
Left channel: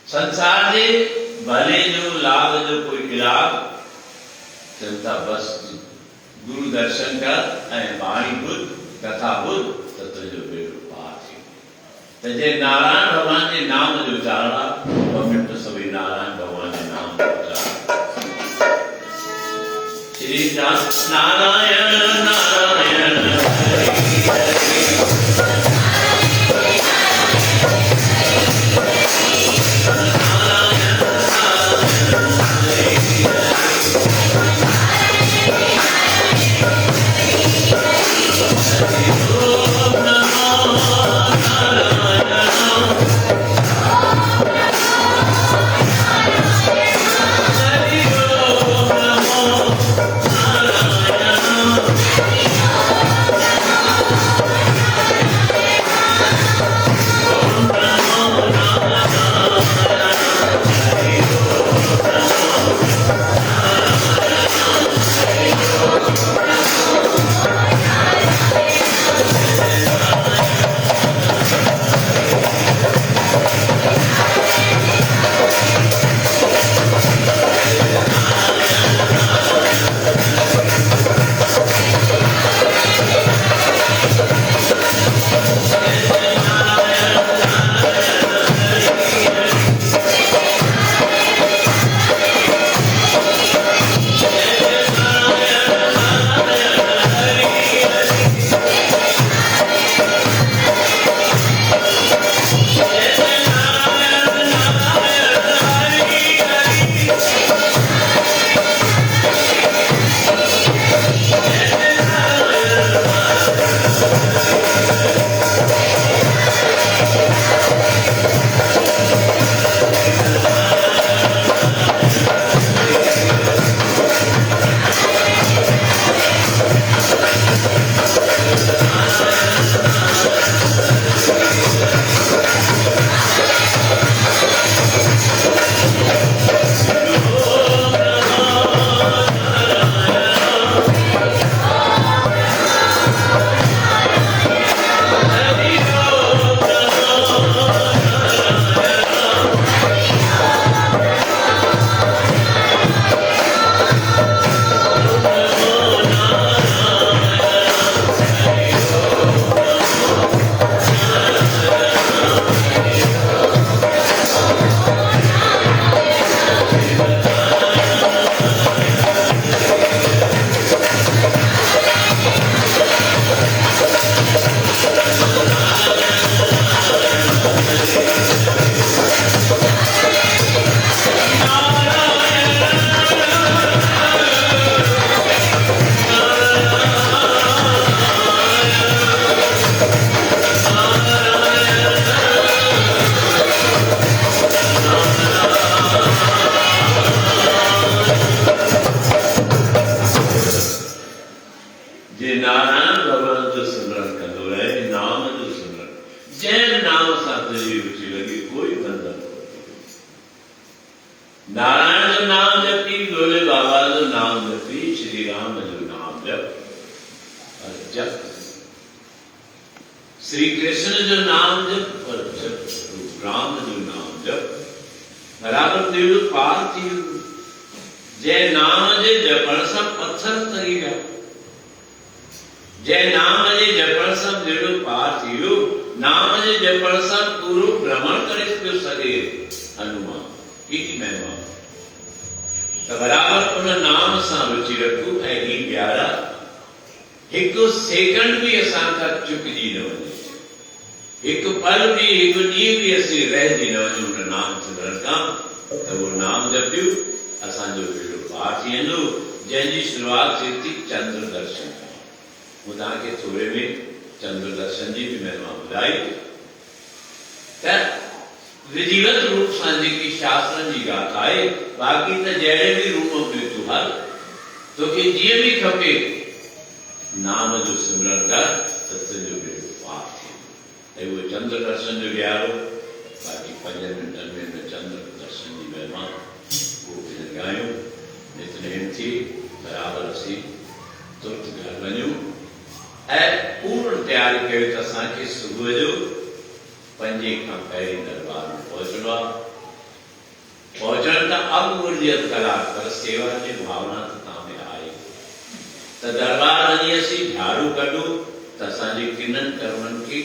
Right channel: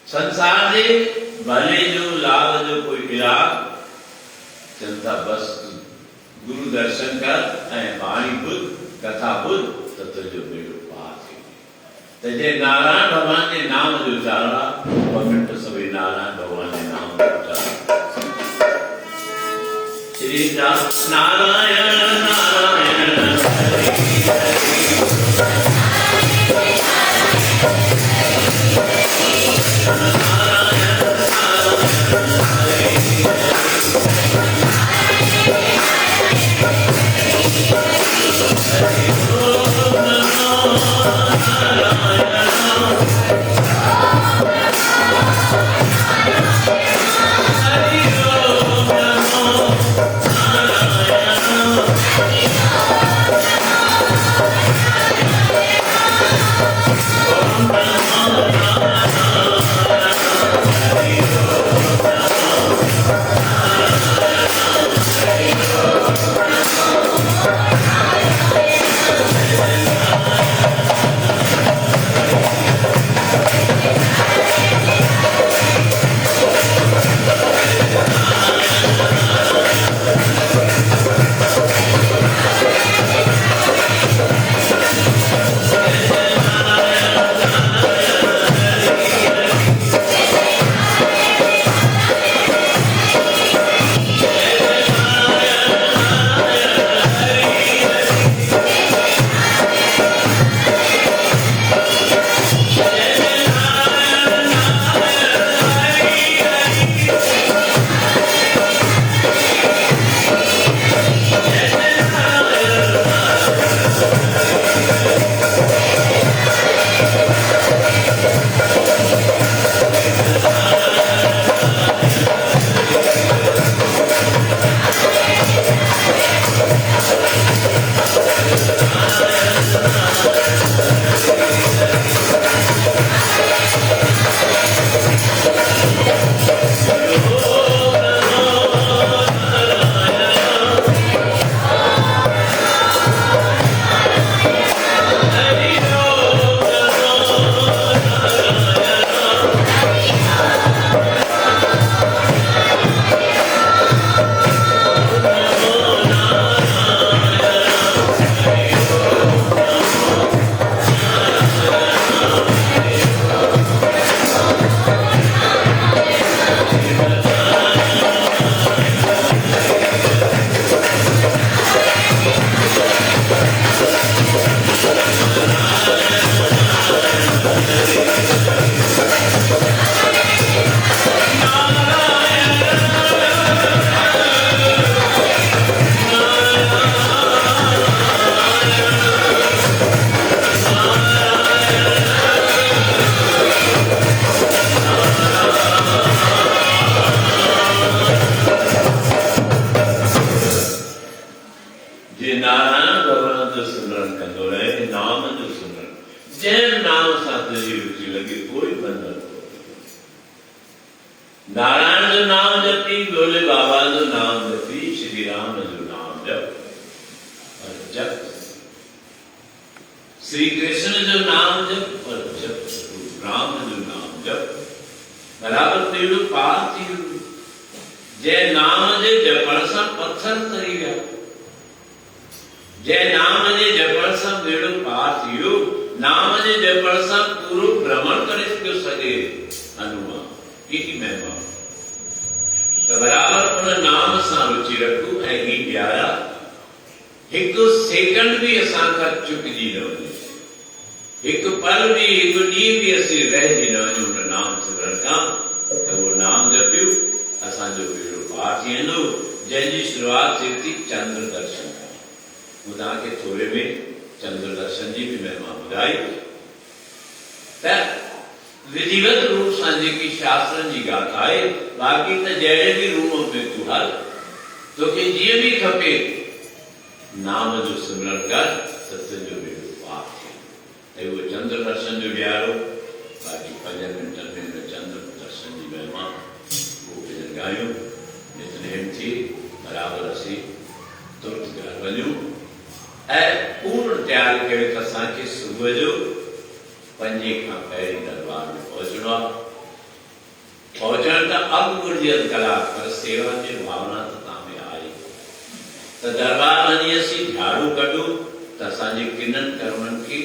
संसार जे भले जो लाभ जो कोई इलाज? चवनि था बसि गुरु दर्शन कर ऐं बाणी ॿुध, कथा ॿुध त तुंहिंजो बेड़ो पार थी। त जे नारायण भॻवान जे नाम जो उचारण आहे, 2 मिंट सभई नारायण भॻवान जे नाम जो उचारण। श्री नारायण नारायण नारायण जो नाम जपी, भोले बाबा जो नाम जपी, श्री राम जो नाम जप और जप श्री कृष्ण जो नाम जप और जप राम जो नाम जप बराबर तेड़ो पार थी वियो। जय नाम जे जपण सां पत्थर तरी विया। जय नाम जे जपण सां बेड़ो पार थी वियो। नाम जे जपण सां पूरो भ्रमण करे पियो सघे हनुमान। एॾी महिमा त बराबर उन नाम सां रुचि रखूं ऐं ही प्यारा हिकु सेकंड भी असां खां चुकिजी न वञे। हिकु पल भी हिकु ॾींहुं भी असीं रहिजी न वञूं उन नाम सिमरन खां त उहो नाम जपियो असांजो बेड़ो पार थी वेंदो। जंहिंजी शुरूआत थिए थी चंद्र दर्शन खां। मूं तव्हांखे थोरे में चंद्र दर्शन जी भी महिमा ॿुधाई त विधिवत रूप सां जेकी शास्त्रनि जी गाथा आहे। बाक़ी त जहिड़े भी रूप में तूं हल तोखे जीअं भी खपे नाम जो सिमरन कर त तुंहिंजो बेड़ो पार थिए। उहो चंद्र दर्शन जो ॾियारो बाक़ी 5 मिंटनि में हिन चंद्र दर्शन जी महिमा उहो भजन ॻायूं नितनेम थी बराबर असीं तुर्त घर वञूं ऐं पूर्ण तयारी करे त असांखे सुबुह जो 5 खां पहिरीं दरबार में पहुचणो आहे। पहुचण त अॻु घुरिजे अधु कलाक पर सेवा जी भावना त तव्हां में आई त दरबार वञी असीं झाड़ू कढूं त असांजे किननि कर्मनि खे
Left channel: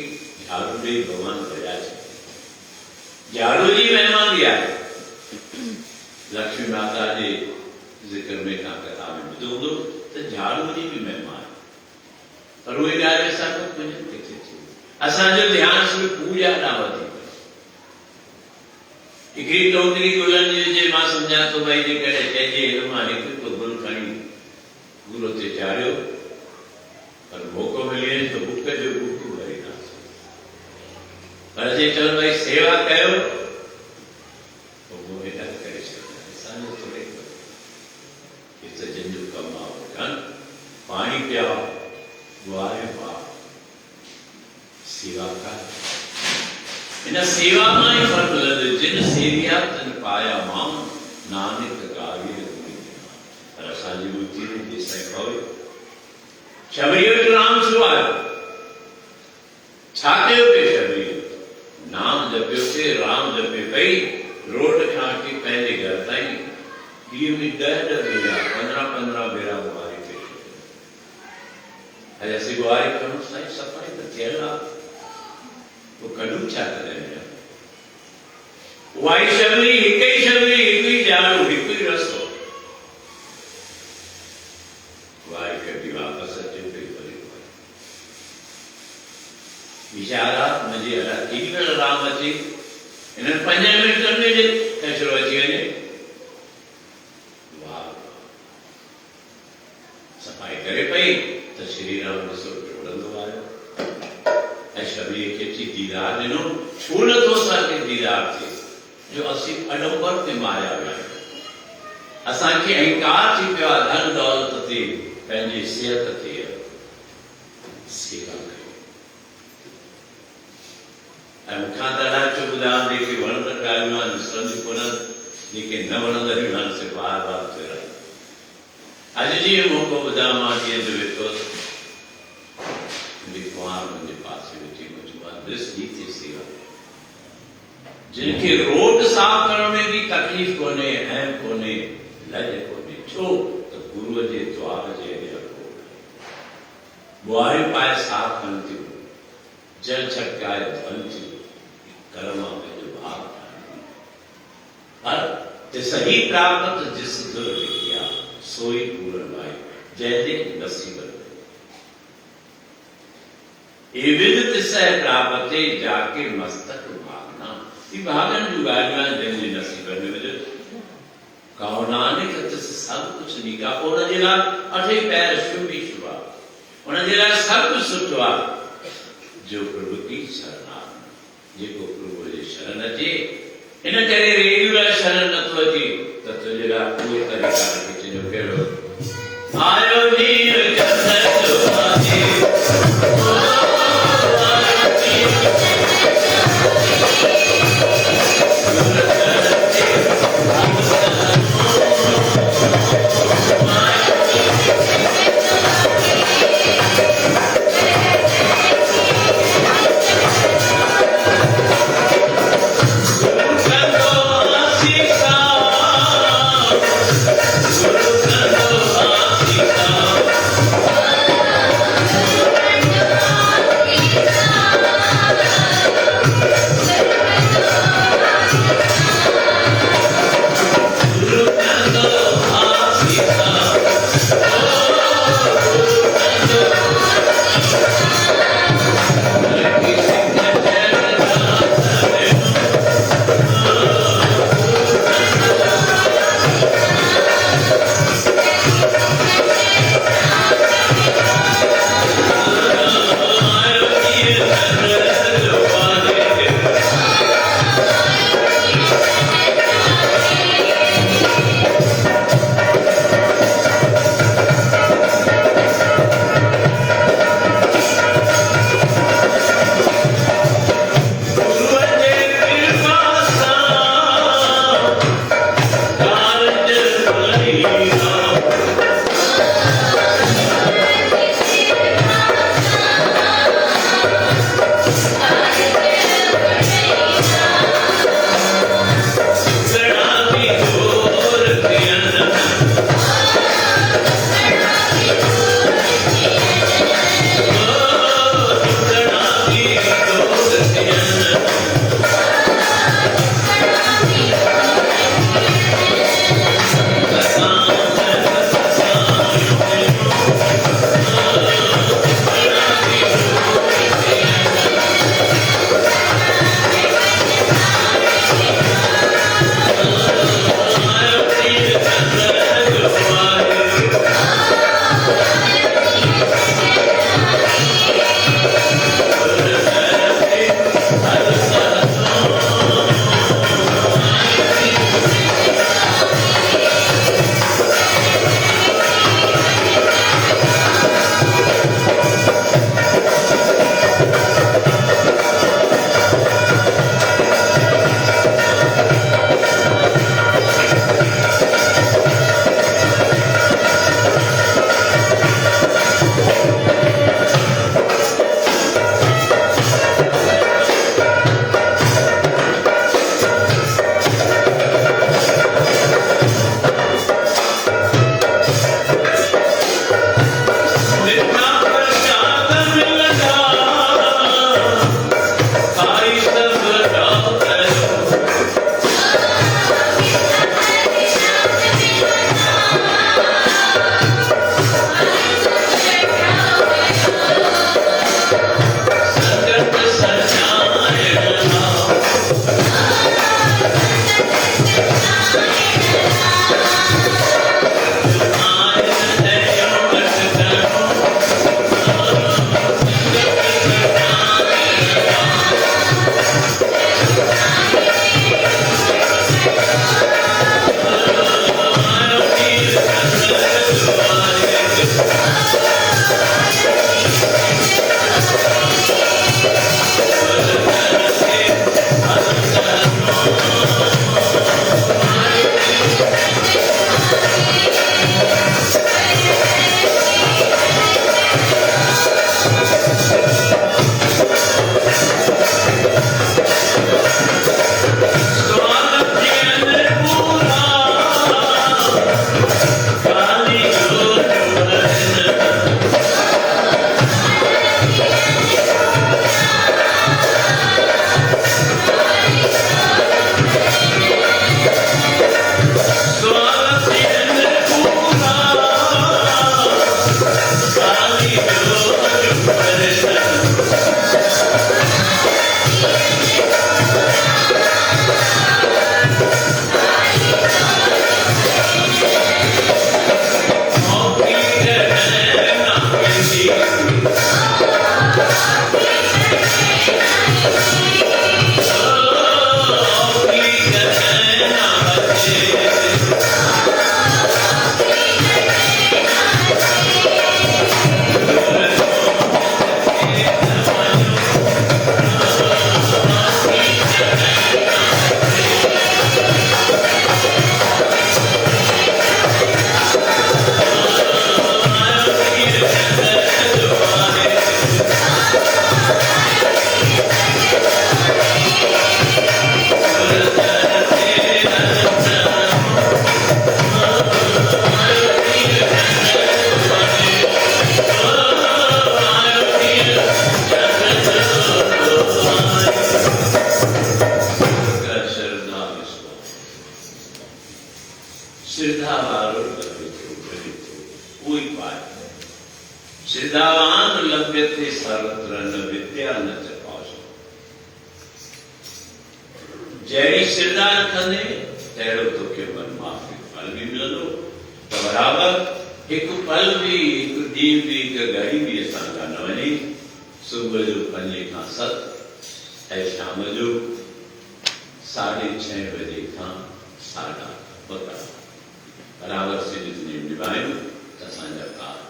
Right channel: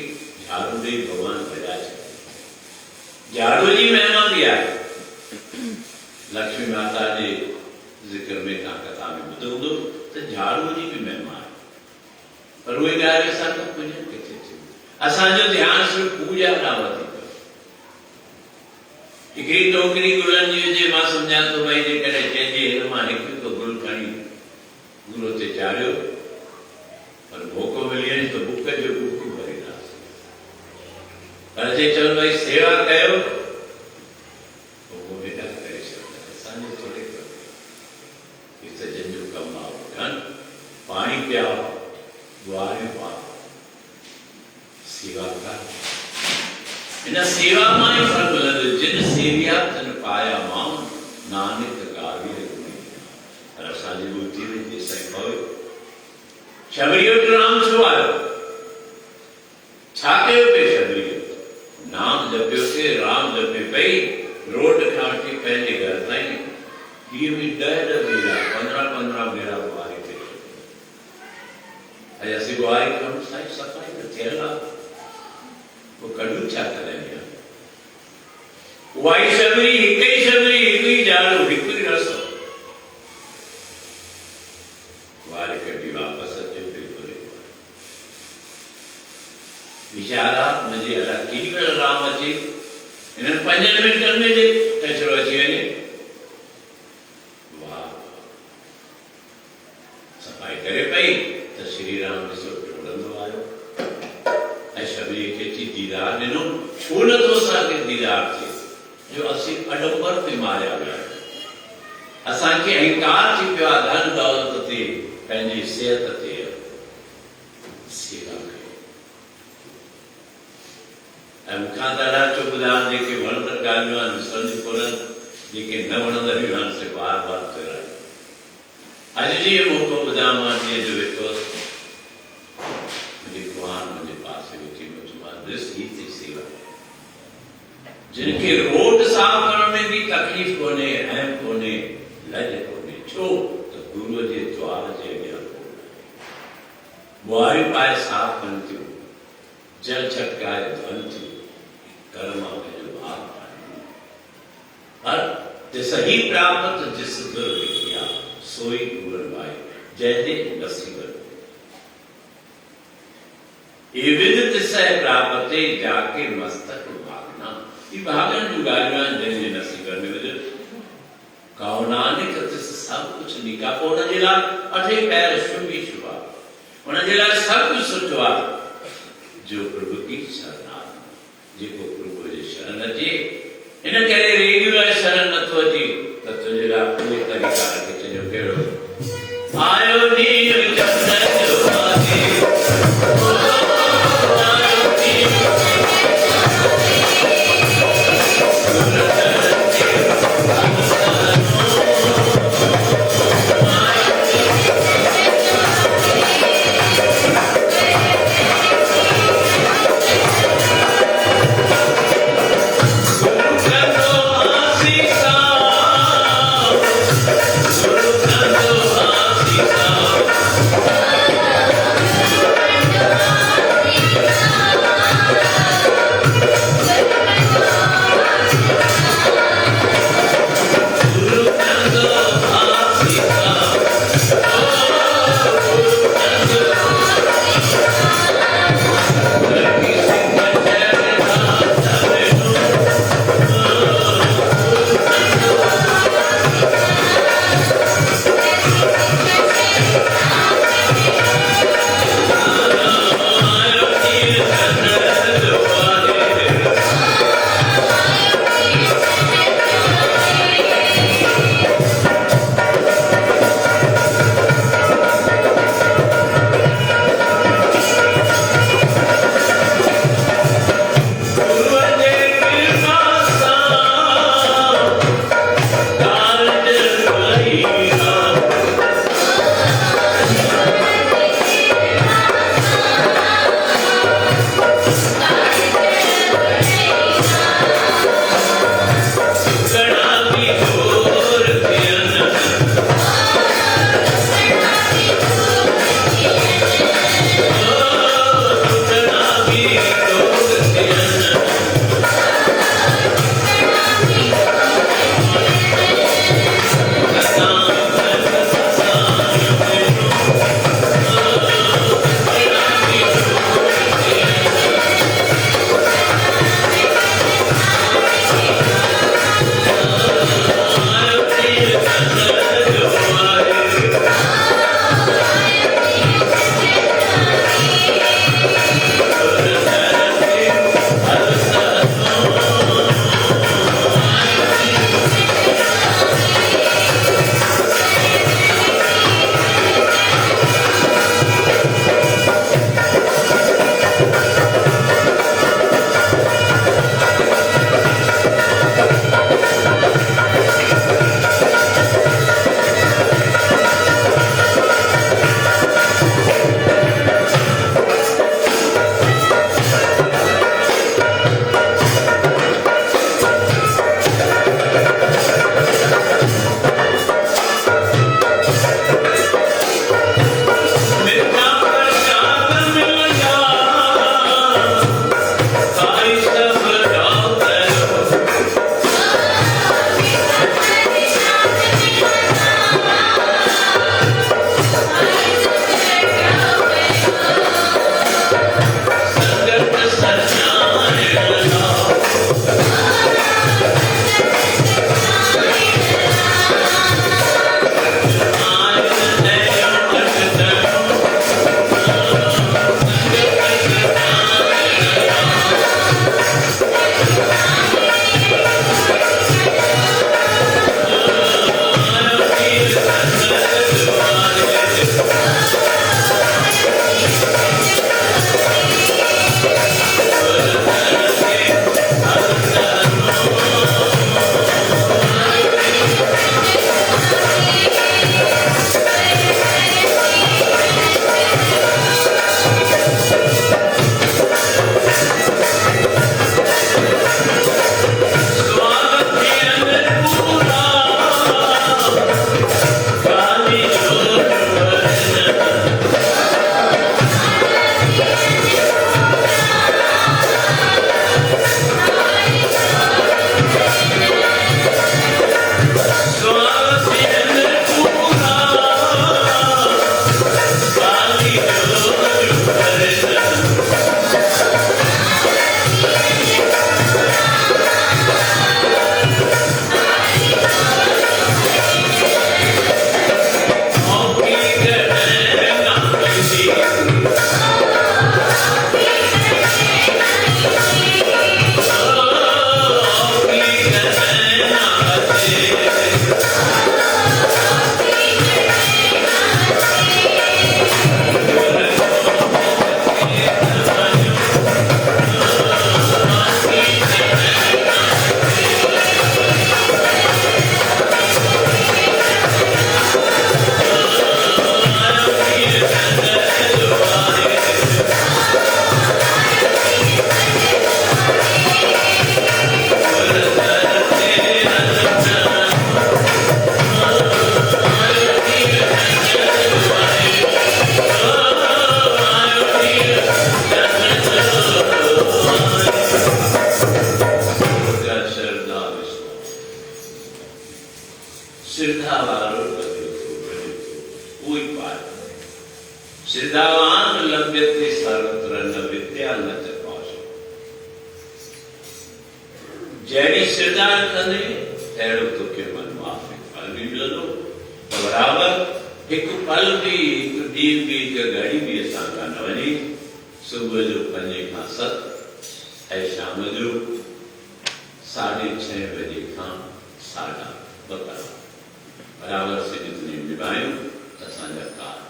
झाड़ू ॾेई भॻवान भॼाए सघे। झाड़ू जी महिमा बि आहे। लक्ष्मी माता जे ज़िक्र में तव्हां कथा में ॿुधो हूंदो त झाड़ू जी बि महिमा आहे। पर उहे ॻाल्हि असांखे पूॼन किथे थी। असांजो ध्यानु सिर्फ़ु पूॼा ॾांहुं वधीक आहे। हिकिड़ी टोकरी गुलनि जी हुजे मां सम्झां थो भई जेकॾहिं चइजे हिन मां हिकु हिकु गुल खणी गुल ते चाढ़ियो पर मौक़ो मिले त बुक जो बुक भरींदासीं। पर जे चवनि भई सेवा कयो पोइ उहो हेॾा करे सघंदा। असांजे थोरे हिते जंहिंजो कमु आहे पाणी पियाओ गुआरे पाओ सेवा कर। इन सेवा मां ई फल मिलंदो। जिन सेविया तन पाया मां नानक गावी पर असांजी बुद्धि में जेसि ताईं पवे शबरी वटि राम छो आयो छा कयो पिए शबरी नाम जपियो थे राम जपे पई रोड खां वठी पंहिंजे घर ताईं ॾींहं में 10 भेरा 15 भेरा गुआरे पे अॼु असीं गुआरे कयूं साईं सफ़ाई त थियल आहे वो कड़ू छा करें वाई शबरी हिक ही शबरी हिक ही झाड़ू हिक ही रस्तो वारी कटी वापस अचो पे करे विचारा मुझे हला केॾी राम अची इन 5 मिंटनि में जे कचरो अची वञे वाह सफ़ाई करे पई त श्री राम ॾिसो टोड़ंदो आयो ऐं शबरी खे अची दीदार ॾिनो। छो नथो असांखे दीदार थिए जो असीं अडंबर में मारिया विया आहियूं। असांखे अहंकार थी पियो आहे धन दौलत ते पंहिंजी सिहत ते सेवा कयो। ऐं मूंखां त अलाए छो ॿुधायो जेके वणंदड़ ॻाल्हियूं आहिनि सम्झ कोन्हनि जेके न वणंदड़ियूं आहिनि से बार बार दोहरायूं। अॼु जीअं मौक़ो ॿुधायो मां जीअं जो वेठोसि कुंवार मुंहिंजे पासे वेठी मुंहिंजी थी सेवा जिनखे रोड साफ़ करण में भी तकलीफ़ कोन्हे अहम कोन्हे लज कोन्हे छो त गुरूअ जे द्वार जे अॻियां बुआरी पाए साफ़ कनि थियूं जल छटकाए धन थियूं कर्म जो भाग पर सही प्राप्त जिस गुर किया सोई गुरु भाई जैसे नसीब ये विदित सह प्राप्ते जाके मस्तक भागना। ये भागन जो गालियां जंहिंजे नसीब में विधो कहो नानक तिस सब कुछ निका उन जे लाइ 8 पैर शुभ ही शुभ आहे। उन जे लाइ सब कुछ सुठो आहे जो प्रभु की शरण जेको प्रभु जे शरण अचे। इन करे रेगुलर शरण नथो अचे त तुंहिंजे लाइ उहे तरीक़ा रखिजो कहिड़ो आयो नीर चंदर जो सिद्धावान लभ्यते सर्वत्र न विद्या न च कौशल। जहिड़ी श्रद्धा रखंदे तहिड़ो तोखे मन माफ़ी फल भी मिलंदो। त बराबर हिकु पल बि हिकु ॾींहुं बि हिकु घड़ी बि असां खां न वञे। सुबुह जो 5 खां 7 ऐं शाम जो 6:30 बजे खां 2:30 बराबर सिंध निभायूं त असांजा कारज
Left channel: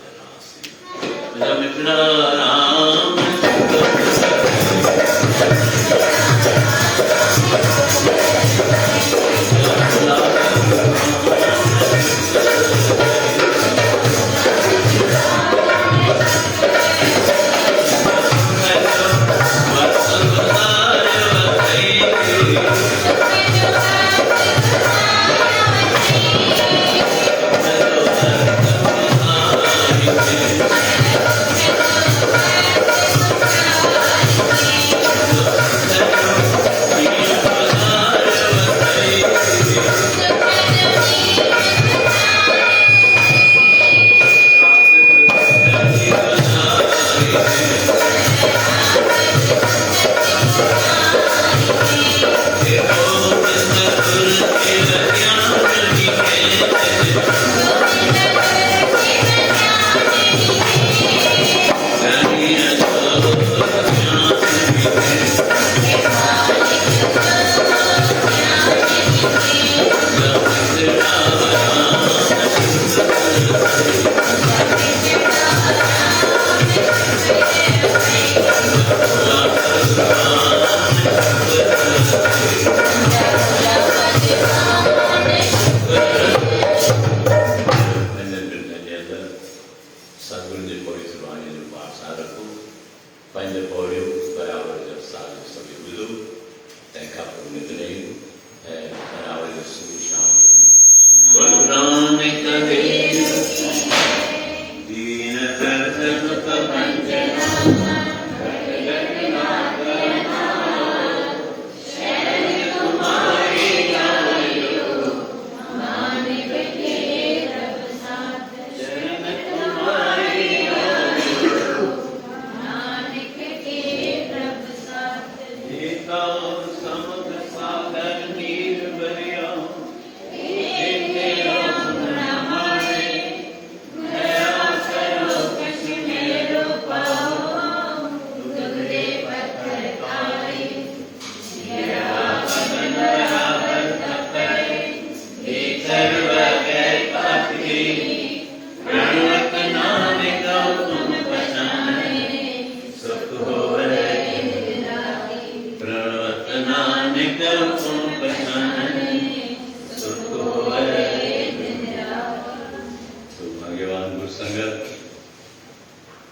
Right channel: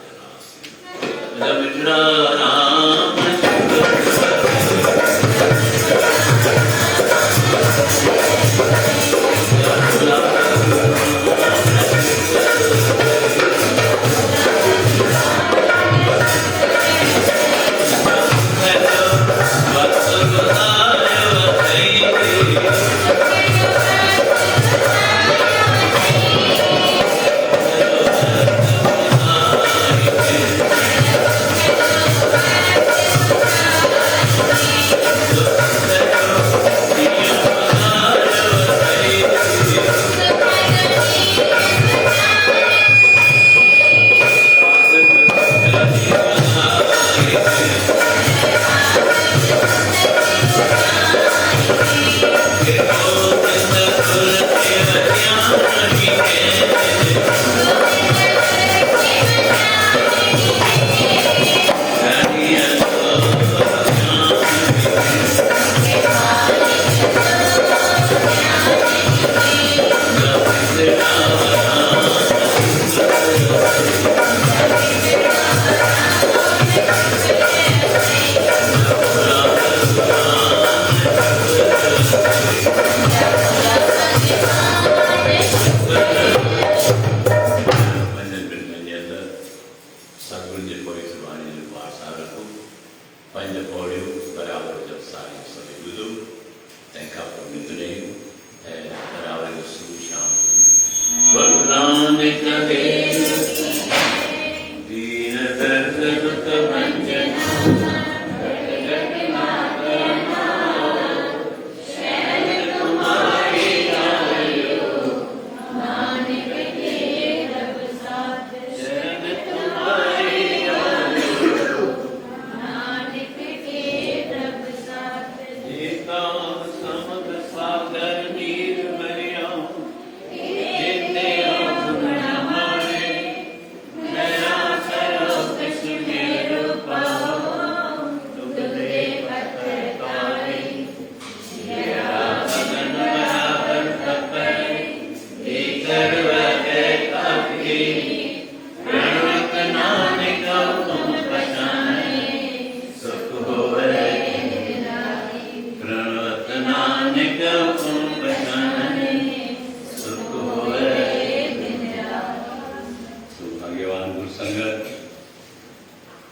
मिठड़ा राम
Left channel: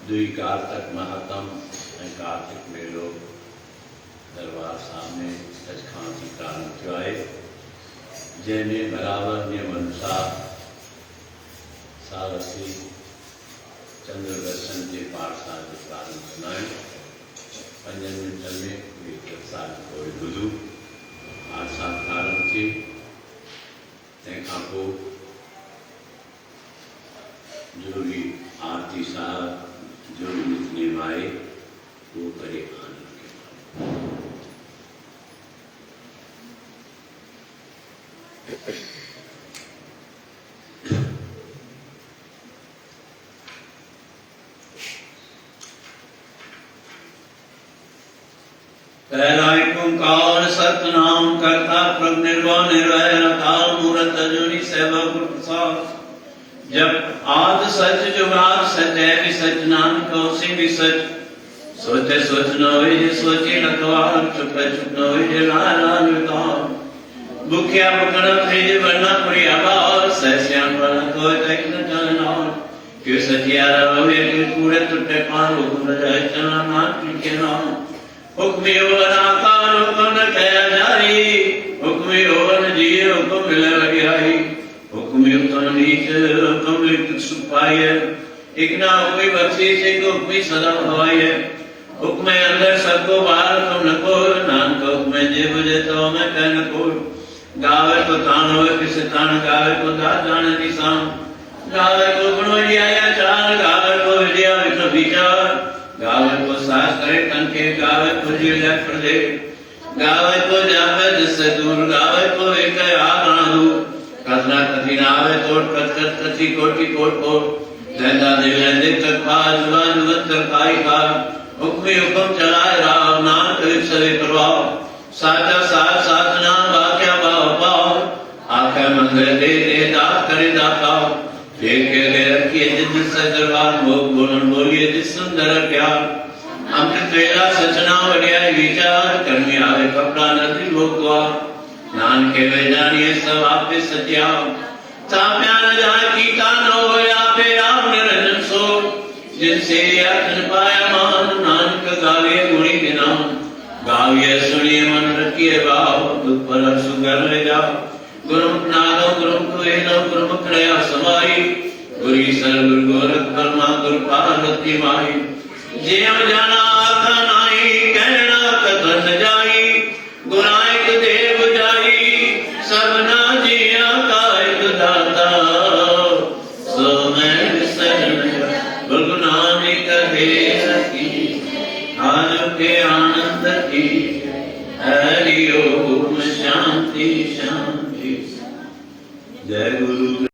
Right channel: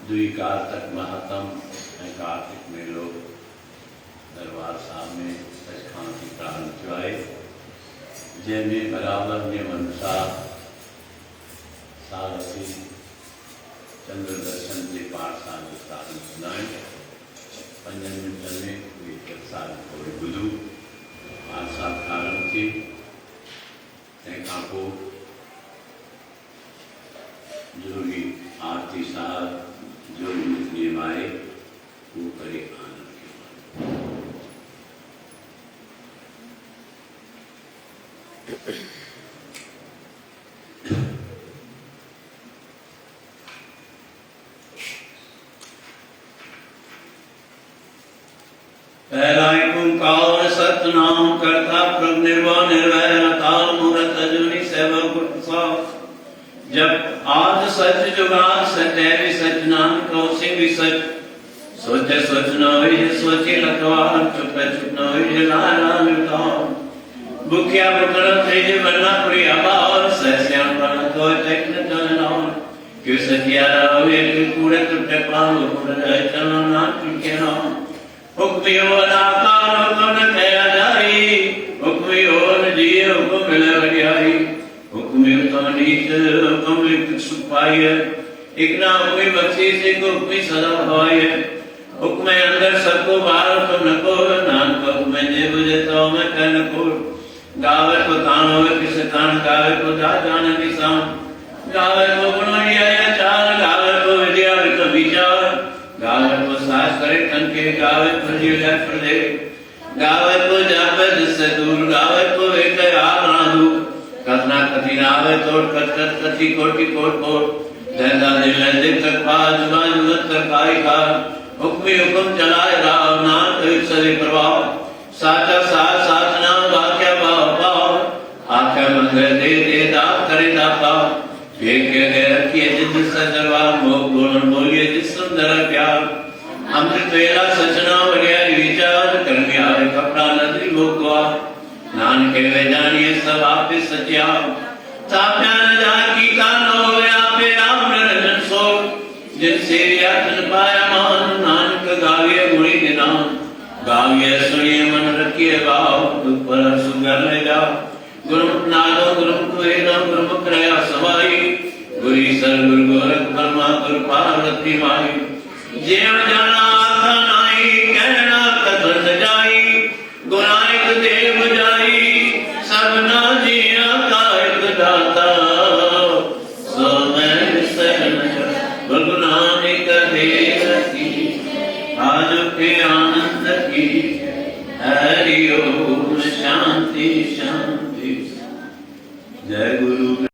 दुई कार्तिक महात्म कार्तिक मेलो दरबार सामने सचखंड की प्रारंभ थयो जैने बराबर नियम अनुसार साल असी चंद्र दर्शन के पाठशाल जो प्रारंभ कनाए 5 मिनट में साल को बुधू पाठशाल प्रारंभ थी तंहिंखां पोइ जरूरी आरती साहब जो नियम आए वो करे पहला एक ओंकार सतनाम करता प्रभु निर्वाण निर्वैर अकाल मूरत अजूनी सेवा गुरु प्रसाद जब आद सच जुगाद सच है भी सच नानक से भी सच सोचे सोच न होए सोचे रखवार चुप चुप न होए नारायण उतार भूखिया भुखन थे बरना पुरी आबाद सहस्यान बना तो तक न चलना क्यों सतियारा होए कोई पूरे टुटे पाल पूरा जाए चलना नाम के नाम हुक्मियो अनाकार हुक्म कया जारी हुक्मियो जिये हुक्म मिले बड़ियाई हुक्मियो तो नीच हुक्म लिख सुपाय इकना हुक्मी बख्शीश एक हुक्मी सदा हुआय हुक्म अंदर सबको बाहर हुक्म न को नानक हुक्म जे बुझे तो मैं कह न को गावे को तान होवे किस तान गावे को दा जाने निशान गावे को गुणवरिया चाल गावे को विद्या तो विचार गावे को सास करे तन के गावे को जिला कर दे गावे को जावे जिससे दूर गावे को एक आप ना दू करना कथी ना आवे तोड़ कथ कथी कोटि कोट कोट दैदा दिल दिल कर पा जुबान मत कर पाई खा हुक्म हुक्म चलाए राम नाम एक सवे करवाओ साचा साथ साथ ना वाक्या पाओ पाओ आका मंगल दे दात करे दाता एक के रखिए जिस दरबार मोह गुण बोलिए जिस सुंदर प्यार अमृत वेला सचना बढ़िया विचार कर्मी आवे कपड़ा नदी भोगवा नाम के वे जानिए सब आपे सत्या साप्या न जा की कानो आपे राम निरंजन सो जिनसे अर्जन पाया मान नानक गावे गुणी निनाम गावे सुनिए मन रखिए भाव पर सुगर ले जाओ गुरु नारो गुरु कोई न गुरु प्रया समाई गुरी सर गुरु गोरख ब्रह्मा गुरु पार्वती माई जे जाना आखा नाई कहना कथन जाई गुराई देव जाई सबना जिया कायक दाता सो मैं शरण गुरु नानक देव की आज के आनंद की हरि ओम शांति शांति जय गुरु।